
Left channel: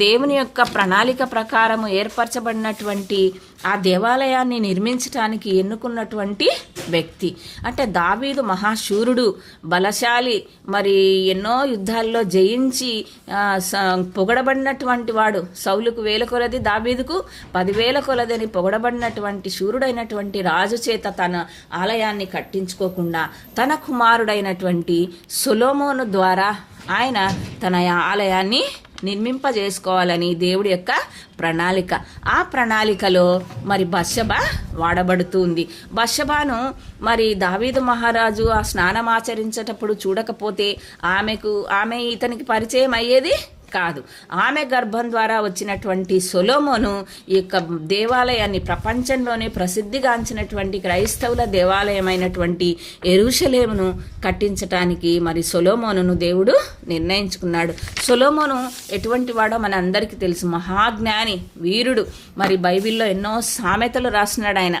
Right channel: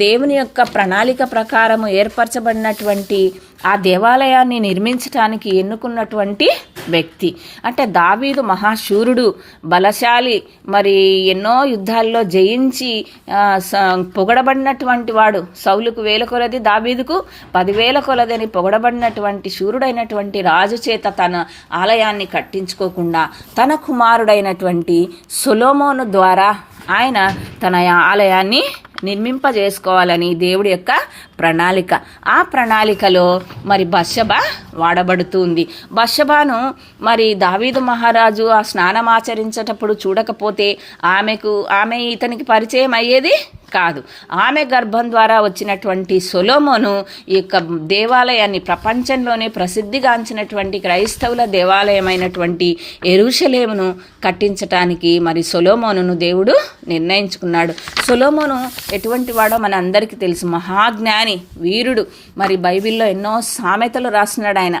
దేవుని యొక్క ప్రణాళిక ప్రకారము ఏర్పరచబడినటువంటి ఆ దేవాలయాన్ని నిర్మించడానికి ఎన్నుకున్నటువంటి వ్యక్తి. అంటే దావీదు మహాశూరుడు, బలశాలి, మరి ఎన్నో యుద్ధాల్లో జయించి పొగడబడినటువంటి వాడు. సౌలుకు 1000 కొలది, దావీదుకు 10,000 కొలది అని పొగడబడినటువంటి శూరుడైనటువంటి రాజు చేత తన ఆలయాన్ని కట్టించుకోకుండా తన కుమారుడైనటువంటి సొలొమోను ద్వారా ఆయన తన ఆలయాన్ని నిర్మింపజేసుకోవాలని దేవుడి యొక్క ప్రణాళిక. ఆ ప్రణాళికలో మరి బషబా వాడబడుతుంది. బషబాను మరి దావీదు మహారాజు ఆ స్నానం ఆచరించేటప్పుడు చూడకపోతే ఆమె ఇతనికి పరిచయం అయ్యేది కాదు. ఆమె గర్భం ద్వారా వచ్చినటువంటి సొలొమోను ఈ యొక్క దేవాలయాన్ని, ప్రపంచంలోనే ప్రసిద్ధిగాంచినటువంటి క్రైస్తవుల దేవాలయమైనటువంటి యెరూషలేమును కట్టించటానికి మరి సొలొమోనును దేవుడు నిర్ణయించుకున్నాడు. సొలొమోను ఎటువంటి వాడో మన అందరికీ తెలుసు. మహాజ్ఞాని, వీరుడు. మరి బైబిల్లో ఎన్నో సామెతలు రాసినాడు ఆయన,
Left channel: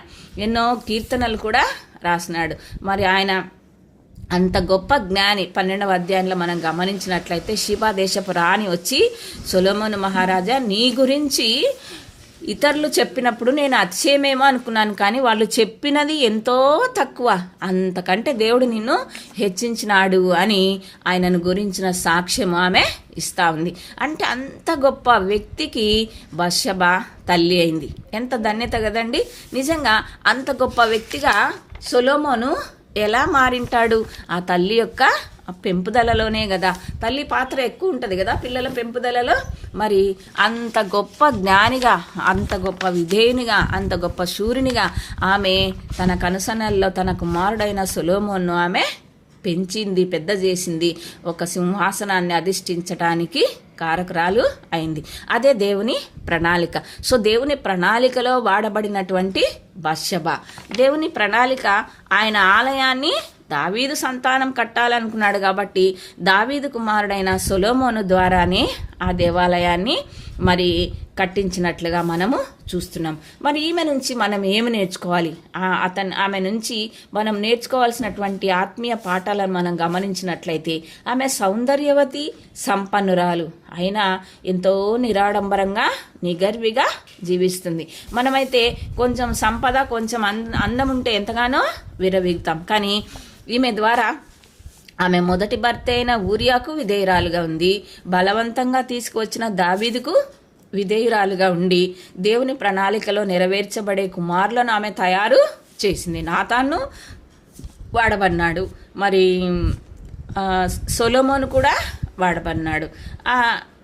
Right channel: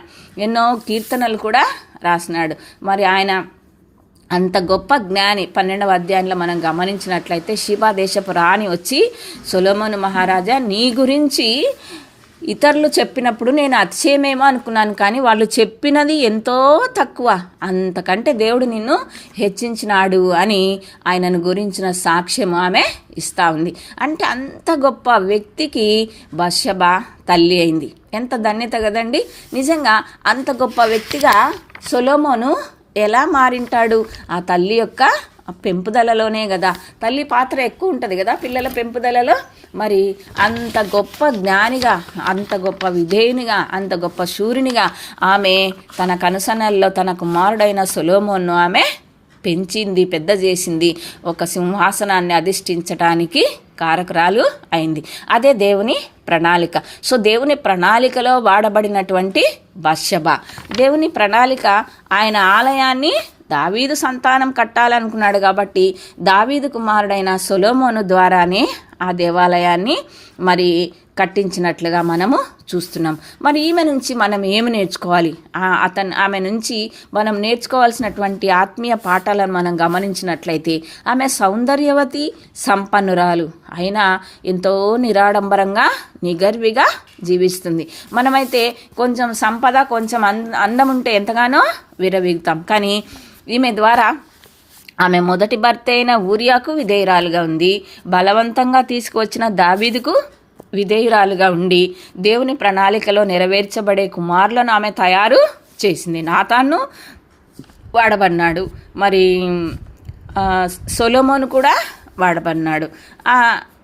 ఎన్నో కీర్తనలు కూడా రాసినాడు. మరి ఆయన అంత గొప్ప జ్ఞాని. 12వ అధ్యాయంలో మనం గమనించినట్లయితే షిబా దేశపు రాణి వచ్చి, సొలొమోను మహారాజా, నీ గురించి ఇతరులు చెప్పినప్పుడు నేను అతిశయమేమో అనుకున్నాను, కానీ వాళ్ళు చెప్పినది ఎంతో తక్కువ, అంతకంటే దేవుడు నిన్ను హెచ్చించినాడు అని ఆయనను గురించిన సాక్ష్యం ఆమె ఇస్తా ఉంది. అంటే అంత గొప్ప వ్యక్తికి బషబా తల్లి అయింది. ఎంత ధన్యత కదండి. నిజంగా అంత గొప్ప వ్యక్తిగా సొలొమోను ఎలా మారింటాడు? ఆ తల్లి యొక్క పెంపుదలలోనే కదా. తల్లి పాత్ర ఎక్కువ ఉంటుంది కదా పిల్లల పెంపుదలలో. మరి అంత గొప్ప జ్ఞానిగా, అంత గొప్ప విధేయునిగా, అంత గొప్ప శూరునిగా ఆమె తన కనుసనల్లో తన కుమారుడైన సొలొమోను ఆమె పెంచింది, పెద్ద చేసింది, ఒక సింహాసనాన్ని అధిష్ఠించటానికి కారకురాలు అయింది. అదే దేవుని ప్రణాళిక. సో దేవుని ప్రణాళికలో వాడబడినటువంటి బషబా. దేవుని ప్రణాళిక ఆయన ఆలయాన్ని దావీదు సంతానం కట్టాలనుకున్నాడు కాబట్టి దావీదు కుమారుడైన సొలొమోను ద్వారానే ఆ దేవాలయాన్ని మరి కట్టించినట్లుగా మనము చూస్తున్నాం. మరి ఈమె నుంచి మనం ఏమి నేర్చుకోవాలి? ఆమె నుంచి మనం నేర్చుకోవాల్సినటువంటి ఆత్మీయ పాఠాలను మనం గమనించినట్లయితే, ఆమె సౌందర్యవతి, సంపన్నురాలు అయినా ఎంతో నిరాడంబరంగా, నిగర్విగా జీవిస్తుంది. మనమైతే కొంచెం సంపద, కొంచెం అందం ఉంటే ఎంతగానో విరవీగుతాం. కానీ ఈమె ద్వారా ఆమె మొదటి భర్త అయిన ఊరియాకు విధేయురాలుగా ఉంది. బలవంతంగా తీసుకువచ్చిన దావీదుకు విధేయురాలుగా ఉండి దేవుని ప్రణాళికలో నెరవేర్చబడే కుమారులను ఆమె తయారు చేసింది. నాతాను వాడబడినాడు, మరి సొలొమోను కూడా వాడబడినాడు.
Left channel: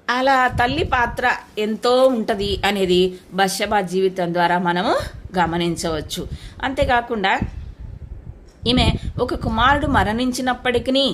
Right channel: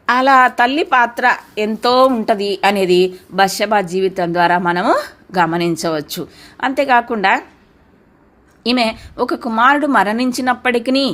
అలా తల్లి పాత్ర ఎంతో ఉంటుంది అనేది బత్షెబా జీవితం ద్వారా మనము గమనించవచ్చు. అంతేకాకుండా ఈమె ఒక కుమారుడు మరణించినప్పటికీ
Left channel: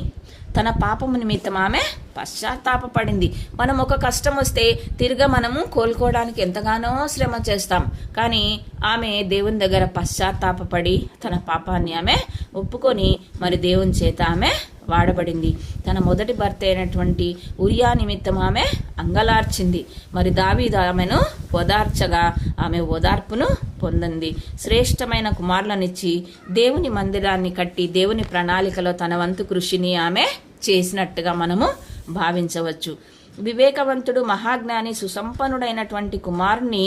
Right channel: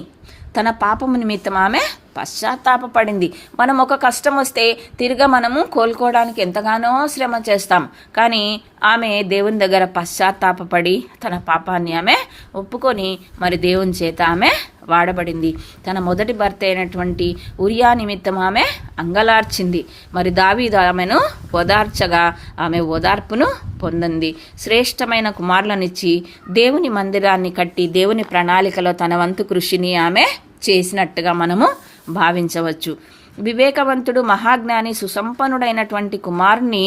తన పాపము నిమిత్తం ఆమె పశ్చాత్తాపపడింది. మనం ఒక కష్టం వస్తే తిరిగా మనము కోలుకోవడానికి ఎంతగానో శ్రమ చేస్తాం, కానీ ఆమె దేవుని దగ్గర పశ్చాత్తాపపడి తన పాపాన్ని ఆమె ఒప్పుకొని మరి దేవుని చేత ఆమె వాడబడింది. తన మొదటి భర్త అయినటువంటి ఉరియా నిమిత్తం ఆమె అంగలార్చింది. మరి దావీదు ఆమెను ఓదార్చగా ఆమె ఓదార్పును పొందింది. శ్రేష్టమైన కుమారులనిచ్చి దేవుని మందిరాన్ని కట్టి దేవుని ప్రణాళికలో తన వంతు కృషిని ఆమె చేసినట్టుగా మనము భావించవచ్చు. వివేకవంతుడు, మహాజ్ఞాని, సుసంపన్నుడైనటువంటి కుమారుని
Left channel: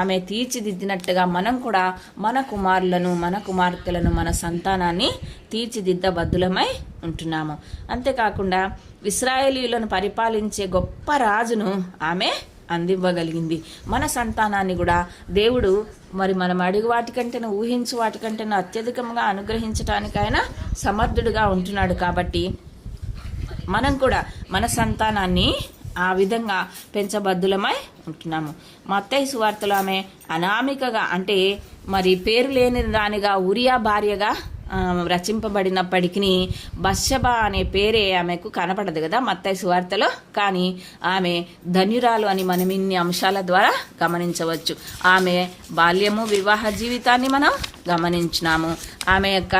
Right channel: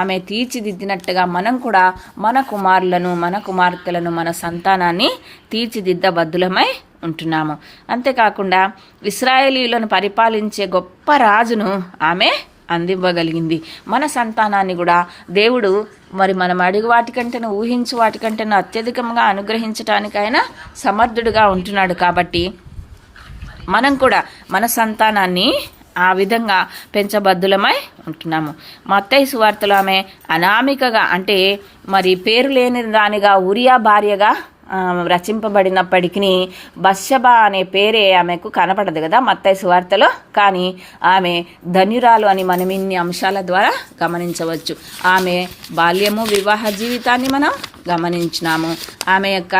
ఆమె తీర్చిదిద్దినట్టుగా మనం కూడా మన కుమారులను, మన కుమార్తెలను, మన సంతానాన్ని తీర్చిదిద్దబద్దులమై ఉంటున్నాము. అంతేకాకుండా ఇశ్రాయేలీయులను పరిపాలించే గొప్ప రాజును ఆమె అందివ్వగలిగింది. మన సంతానాన్ని కూడా దేవుడు మరి మనం అడుగు వాటికంటేనూ ఊహించు వాటికంటేనూ అత్యధికంగా అనుగ్రహించటానికైనా సమర్థుడుగా ఉంటున్నాడు. కాబట్టి మనం కూడా మన సంతానాన్ని ఆ విధంగా పెంచబద్దులమై ఉంటున్నాము. మత్తయి సువార్తలో ఆమె అనామికగా, అంటే మరి పేరు లేని దానిగా ఉరియా భార్యగా రచింపబడినప్పటికీ బత్షెబా అనే పేరే ఆమెకు కనపడదు కదా మత్తయి సువార్తలో. కానీ ఆమె ధన్యురాలు అని మనం ఇన్ని అంశాల ద్వారా గమనించవచ్చు. ఆమె బాల్యము, వివాహ జీవితాన్ని మనం గమనించినాము. ఆమె యొక్క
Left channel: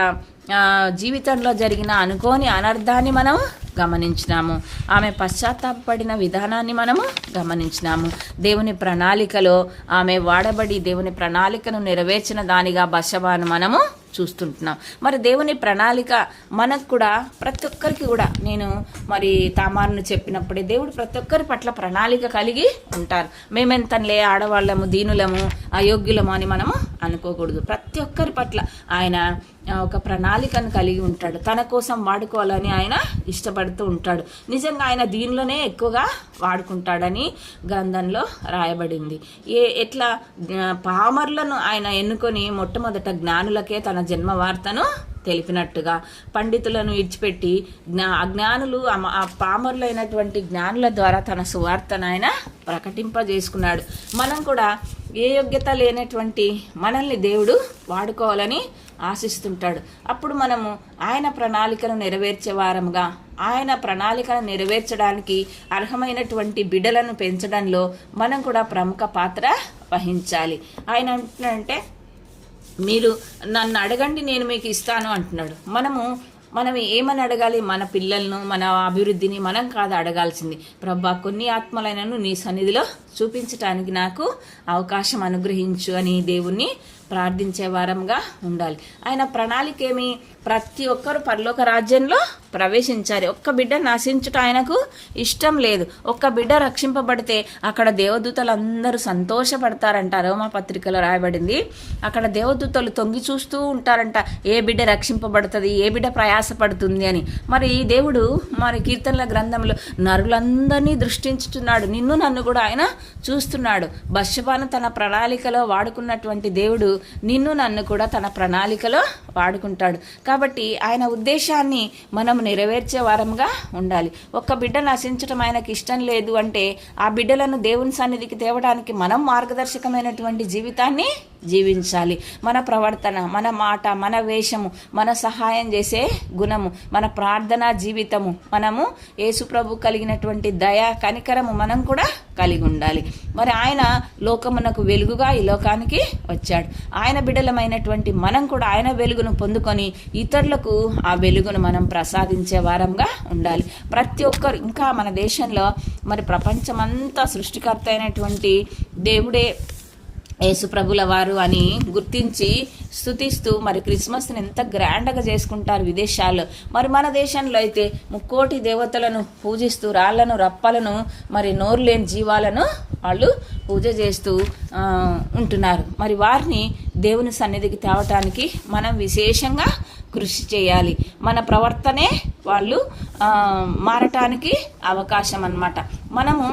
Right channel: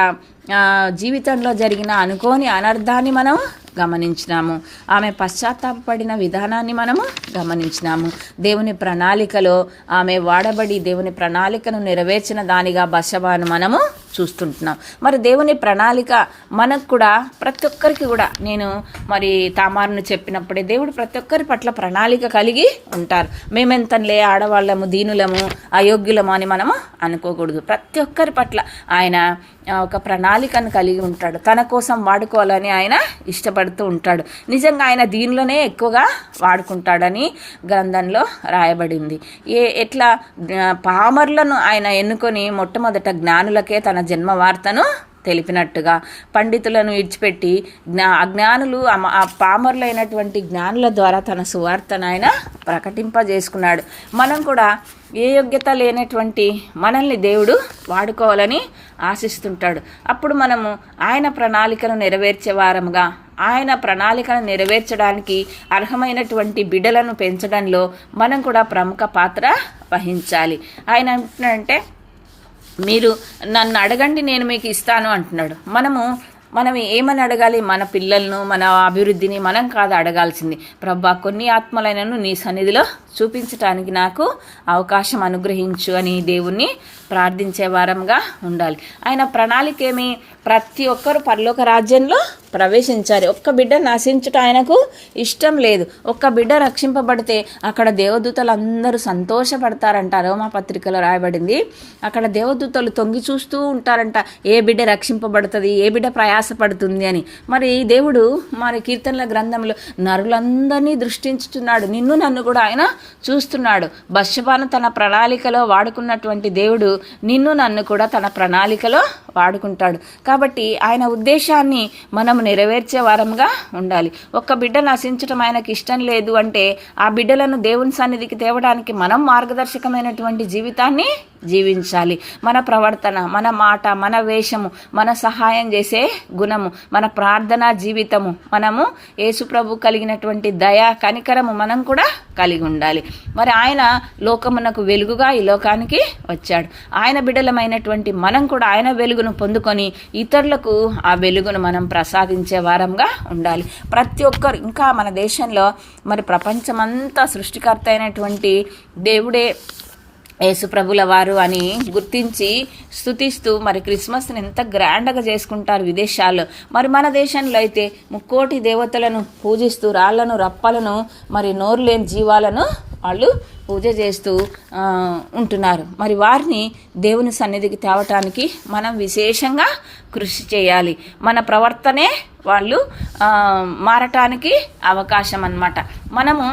జీవితంలో జరిగిన అనుకోని అనర్థాన్ని మనం గమనించినాము. ఆమె పశ్చాత్తాపడిన విధానాన్ని మనము గమనించినాము. దేవుని ప్రణాళికలో ఆమె వాడబడి దేవుని ప్రణాళికను నెరవేర్చిన దానిగా బత్షెబాను మనము చూస్తుంటున్నాం. మరి దేవుని ప్రణాళిక మనకు కూడా, ప్రతి ఒక్కరికి కూడా, నేను మరి తామారును చెప్పినప్పుడే దేవుడు ప్రతి ఒక్కరి పట్ల ప్రణాళిక కలిగి ఉంటారు. మేమెంతలే ఆడవాళ్ళము, దీనులము, అయోగ్యులము అని మనము అనుకోకూడదు. ప్రతి ఒక్కరి పట్ల ఆయన ఒక ప్రణాళికను కలిగి ఉంటాడు. తన కోసం వాడుకోవాలని ఆయన ఇష్టపడుతూ ఉంటాడు. నిజంగా ఆయన దీనిలోనే ఎక్కువగా వాడుకుంటాడని గ్రంథంలో రాయబడింది. ఎట్లా పామరులను ఆయన ఎన్నుకొని మొట్టమొదట జ్ఞానులకే తన జన్మ వార్తను తెలిపినట్టుగా, పండితులను విడిచిపెట్టి అజ్ఞానులు, ఆ పామరులైనటువంటి జ్ఞానుల ద్వారా తన సువార్తను ఆయన ప్రకటింపజేసుకున్నాడు. మనం కూడా ఏ యోగ్యత లేనటువంటి మనల్ని దేవుడు వాడుకోవాలని ఆశిస్తుంటాడు. అప్పుడు మనము ఆయన ప్రణాళికను నెరవేర్చే వారముగా, ఆయన ప్రణాళికను నెరవేర్చడానికి అర్హమైనటువంటి బిడ్డలను పెంచడంలో మనం కూడా ప్రముఖ పాత్ర వహించాలి. ఆయన అంటున్నాడంటే, మీరు నన్ను అడగండి నేను మీకు ఇస్తాను అంటున్నాడు. మనం ఏమని అడగాలి? మన పిల్లలను, మన అభివృద్ధిని మనం కాదు అడగాల్సింది. ప్రభా, కొన్ని ఆత్మలైనను నీ సన్నిధిలో చూపించటానికి నాకు అవకాశం అనుగ్రహించు అని దేవుణ్ణి ప్రార్థించే వారంగా ఉండాలి. ఆయన ప్రణాళిక ఏమి? ప్రతి ఒక్కరు పరలోక రాజ్యంలో ప్రవేశించాలి. ఒక్క బిడ్డ నశించుట ఆయనకు ఇష్టం లేదు. ఒక్క బిడ్డ రక్షింపబడితే అక్కడ దేవదూతలు అందరూ సంతోషపడతారంట. రోమా పత్రికలో రాయబడింది. అక్కడ దేవదూతలు తొంగి చూస్తూ ఉంటారంట, ఏ బిడ్డ రక్షింపబడుతుంది, ఏ బిడ్డ ప్రయాసపడుతుంది అని. మరి దేవుడు మరి కీర్తనల గ్రంథంలో నరులందరినీ దృష్టించుతున్నాడు. నిన్ను నన్ను కూడా ఆయన చూస్తున్నాడు. బత్షెబాను తన ప్రణాళికలో వాడుకున్నటువంటి దేవుడు నిన్ను నన్ను కూడా తన ప్రణాళికలో వాడుకుంటాడు. కాబట్టి ఆయన ఉద్దేశాన్ని మనం నెరవేర్చే వారంగా ఉండాలి. ఒక్క బిడ్డ నశించడం ఆయనకి ఇష్టం లేదు అంటే ఆ బిడ్డలను దేవుని సన్నిధికి తేవడానికి మనం మార్గదర్శకమైనటువంటి జీవితాన్ని జీవించాలి. మన ప్రవర్తన, మన మాట, మన వేషము, మన సహాయం చేసే గుణము, మన ప్రార్థనా జీవితము, మనము యేసుప్రభు కలిగినటువంటి దయ, కనికరము మనం కూడా కలిగి ఉండాలి. మరి ఆయన లోకమునకు వెలుగుగా ఈ లోకానికి వచ్చాడు. ఆయన బిడ్డలమైనటువంటి మనం కూడా ఆయన వెలుగును పొందుకొని ఇతరులకు ఆ వెలుగును మనం ప్రసాదించే వారంగా ఉండాలి. ప్రతి ఒక్కరు, ఇంకా మన దేశంలో మరి ప్రపంచమంతా సృష్టికర్త అయినటువంటి దేవుడే యేసుప్రభుల వారు అని గుర్తించి స్తుతిస్తూ మరి క్రిస్మస్ని ఎంత గ్రాండ్గా చేసుకుంటారు విదేశాల్లో. మరి మన దేశంలో అయితే 3 కోటి దేవతలను పూజిస్తూ రాళ్లను, రప్పలను, మరి నోరు లేని జీవాలను వాళ్ళు పూజ చేస్తూ ఉంటున్నారు. మరి వారిని దేవుని సన్నిధికి తేవటానికి మనం విశేషంగా కృషి చేయాలి. మన ప్రవర్తనే వాళ్ళు మారటానికి అవకాశం అన్నమాట. మనము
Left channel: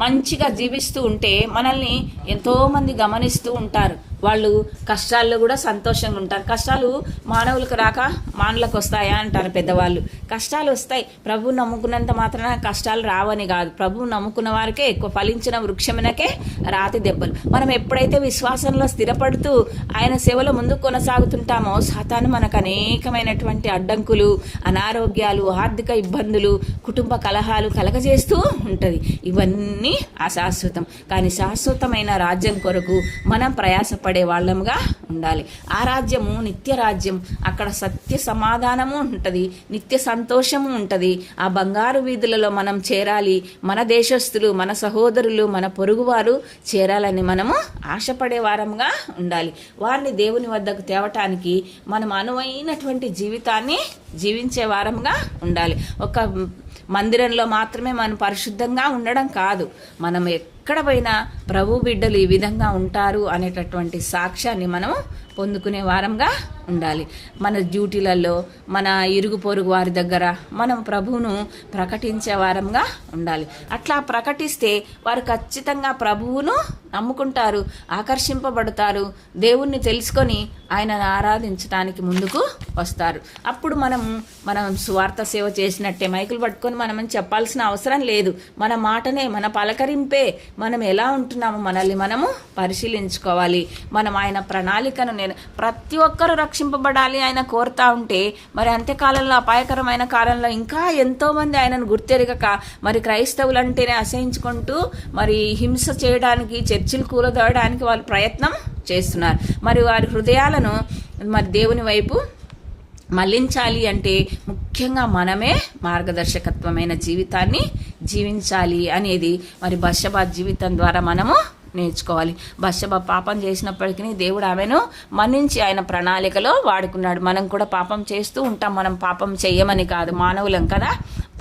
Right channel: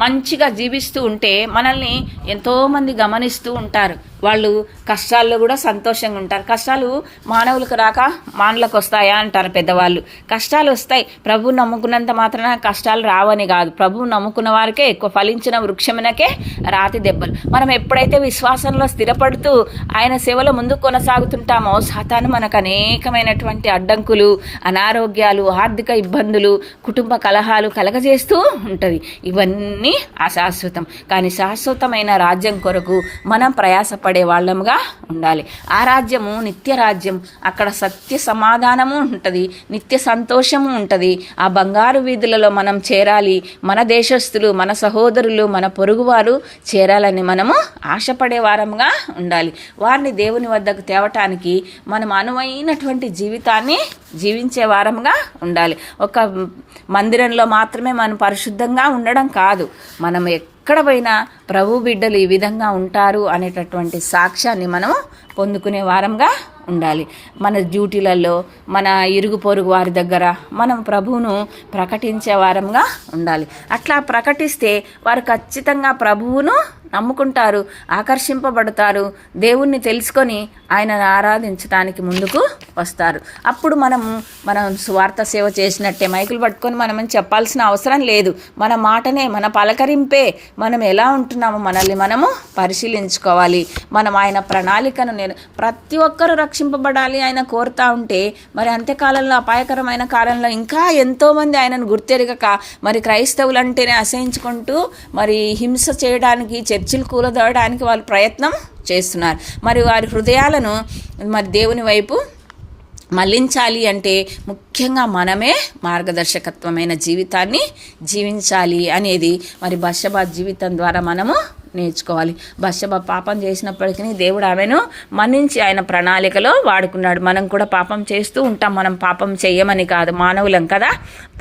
మంచిగా జీవిస్తూ ఉంటే మనల్ని ఎంతోమంది గమనిస్తూ ఉంటారు. వాళ్ళు కష్టాల్లో కూడా సంతోషంగా ఉంటారు. కష్టాలు మానవులకు రాక మానవులకు వస్తాయా అంటారు పెద్దవాళ్ళు. కష్టాలు వస్తాయి. ప్రభువు నమ్ముకున్నంత మాత్రాన కష్టాలు రావని కాదు. ప్రభువు నమ్ముకున్న వారికే ఎక్కువ. ఫలించిన వృక్షమునకే రాతి దెబ్బలు. మనం ఎప్పుడైతే విశ్వాసంలో స్థిరపడుతూ ఆయన సేవలో ముందుకు కొనసాగుతుంటామో సాతాను మనకు అనేకమైనటువంటి అడ్డంకులు, అనారోగ్యాలు, ఆర్థిక ఇబ్బందులు, కుటుంబ కలహాలు కలగజేస్తూ ఉంటుంది. ఇవన్నీ అశాశ్వతం. కానీ శాశ్వతమైన రాజ్యం కొరకు మనం ప్రయాసపడే వాళ్ళముగా ఉండాలి. ఆ రాజ్యము నిత్య రాజ్యం. అక్కడ సత్య సమాధానము ఉంటుంది, నిత్య సంతోషము ఉంటుంది. ఆ బంగారు వీధులలో మనం చేరాలి. మన దేశస్థులు, మన సహోదరులు, మన పొరుగువారు చేరాలని మనము ఆశపడే వారముగా ఉండాలి. వారిని దేవుని వద్దకు తేవటానికి మనం అనువైనటువంటి జీవితాన్ని జీవించే వారముగా ఉండాలి. ఒక మందిరంలో మాత్రమే మనం పరిశుద్ధంగా ఉండడం కాదు, మనం ఎక్కడ పోయినా ప్రభు బిడ్డలు ఈ విధంగా ఉంటారు అనేటటువంటి సాక్ష్యాన్ని మనము పొందుకునే వారంగా ఉండాలి. మన డ్యూటీలలో, మన ఇరుగు పొరుగు వారి దగ్గర మనం ప్రభువును ప్రకటించే వారంగా ఉండాలి. అట్లా ప్రకటిస్తే వారు ఖచ్చితంగా ప్రభువును నమ్ముకుంటారు, ఆకర్షింపబడతారు, దేవుణ్ణి తెలుసుకొని ఆయనను ఆరాధించడానికి ముందుకు వస్తారు. అప్పుడు మనం స్వార్థ సేవ చేసినట్టే మైకులు పట్టుకొని మనం చెప్పాల్సిన అవసరం లేదు. మన మాటనే, మన పలకరింపే, మనం ఎలా ఉంటున్నామో మనల్ని మనము పరిశీలించుకోవాలి. మనం ఆయన ప్రణాళికను ప్రతి ఒక్కరూ రక్షింపబడాలి ఆయన కోరుతా ఉంటే, మరి అంత్యకాలంలో, అపాయకరమైన కాలంలో ఇంకా ఎంతోమంది ఆయనను గుర్తెరగక మరి క్రైస్తవులు అంటేనే అసహించుకుంటూ మరి హింస చేయడానికి, చర్చిలు కూలదోయడానికి వాళ్ళు ప్రయత్నం చేస్తున్నారు. మరి వారి హృదయాలను మరి దేవుని వైపు మళ్లించాలి అంటే ముఖ్యంగా మనమే మార్గదర్శకత్వమైన జీవితాన్ని జీవించాలి అనేది మరి బత్షెబా జీవితం ద్వారా మనము నేర్చుకోవాలి. బత్షెబా పాపం చేసినప్పటికీ దేవుడు ఆమెను మన్నించి ఆయన ప్రణాళికలో వాడుకున్నాడు. మనం కూడా పాపం చేస్తూ ఉంటాం. మనం పాపం చేయమని కాదు, మానవులం కదా,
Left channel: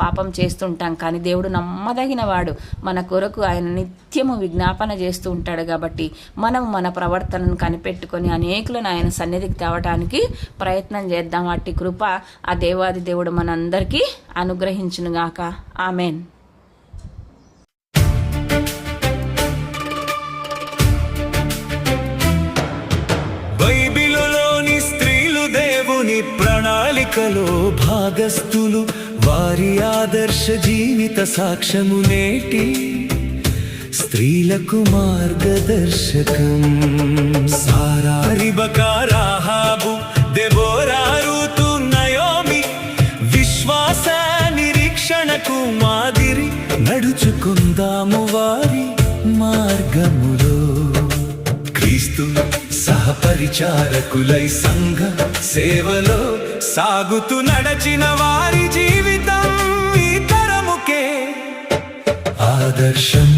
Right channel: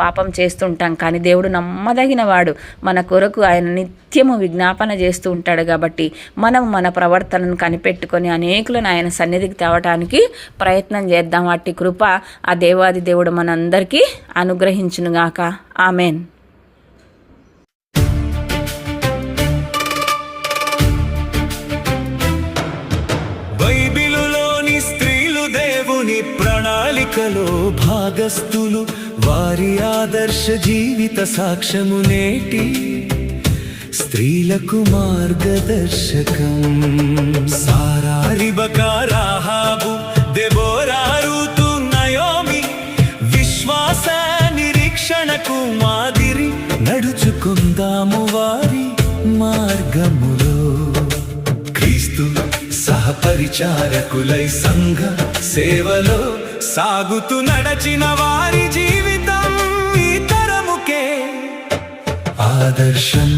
పాపం చేస్తూ ఉంటాం. కానీ దేవుడు నమ్మదగిన వాడు. మన కొరకు ఆయన నిత్యము విజ్ఞాపన చేస్తూ ఉంటాడు. కాబట్టి మనం మన ప్రవర్తనను కనిపెట్టుకొని అనేకులను ఆయన సన్నిధికి తేవటానికి ప్రయత్నం చేద్దాం. వాటి కృప ఆ దేవాది దేవుడు మనందరికీ అనుగ్రహించునుగాక. ఆమెన్. బైబిలులోని స్త్రీలు దేవుని ప్రణాళికలో భాగస్థులు. వారి ఆదర్శ జీవిత సాక్ష్యము నేటి స్త్రీలకు మార్గదర్శకం. సారా, రిబకా, రాహాబు, దెబోరా, రూతు, నయోమి విశ్వాస నిరీక్షణకు మాదిరి. నడుచుకుందాము వారి మార్గములో. క్రీస్తు సహపరిచారకులై సంఘ సేవలో సాగుతూ నడచిన వారి జీవితం ఈ తరముకే ఆదర్శం.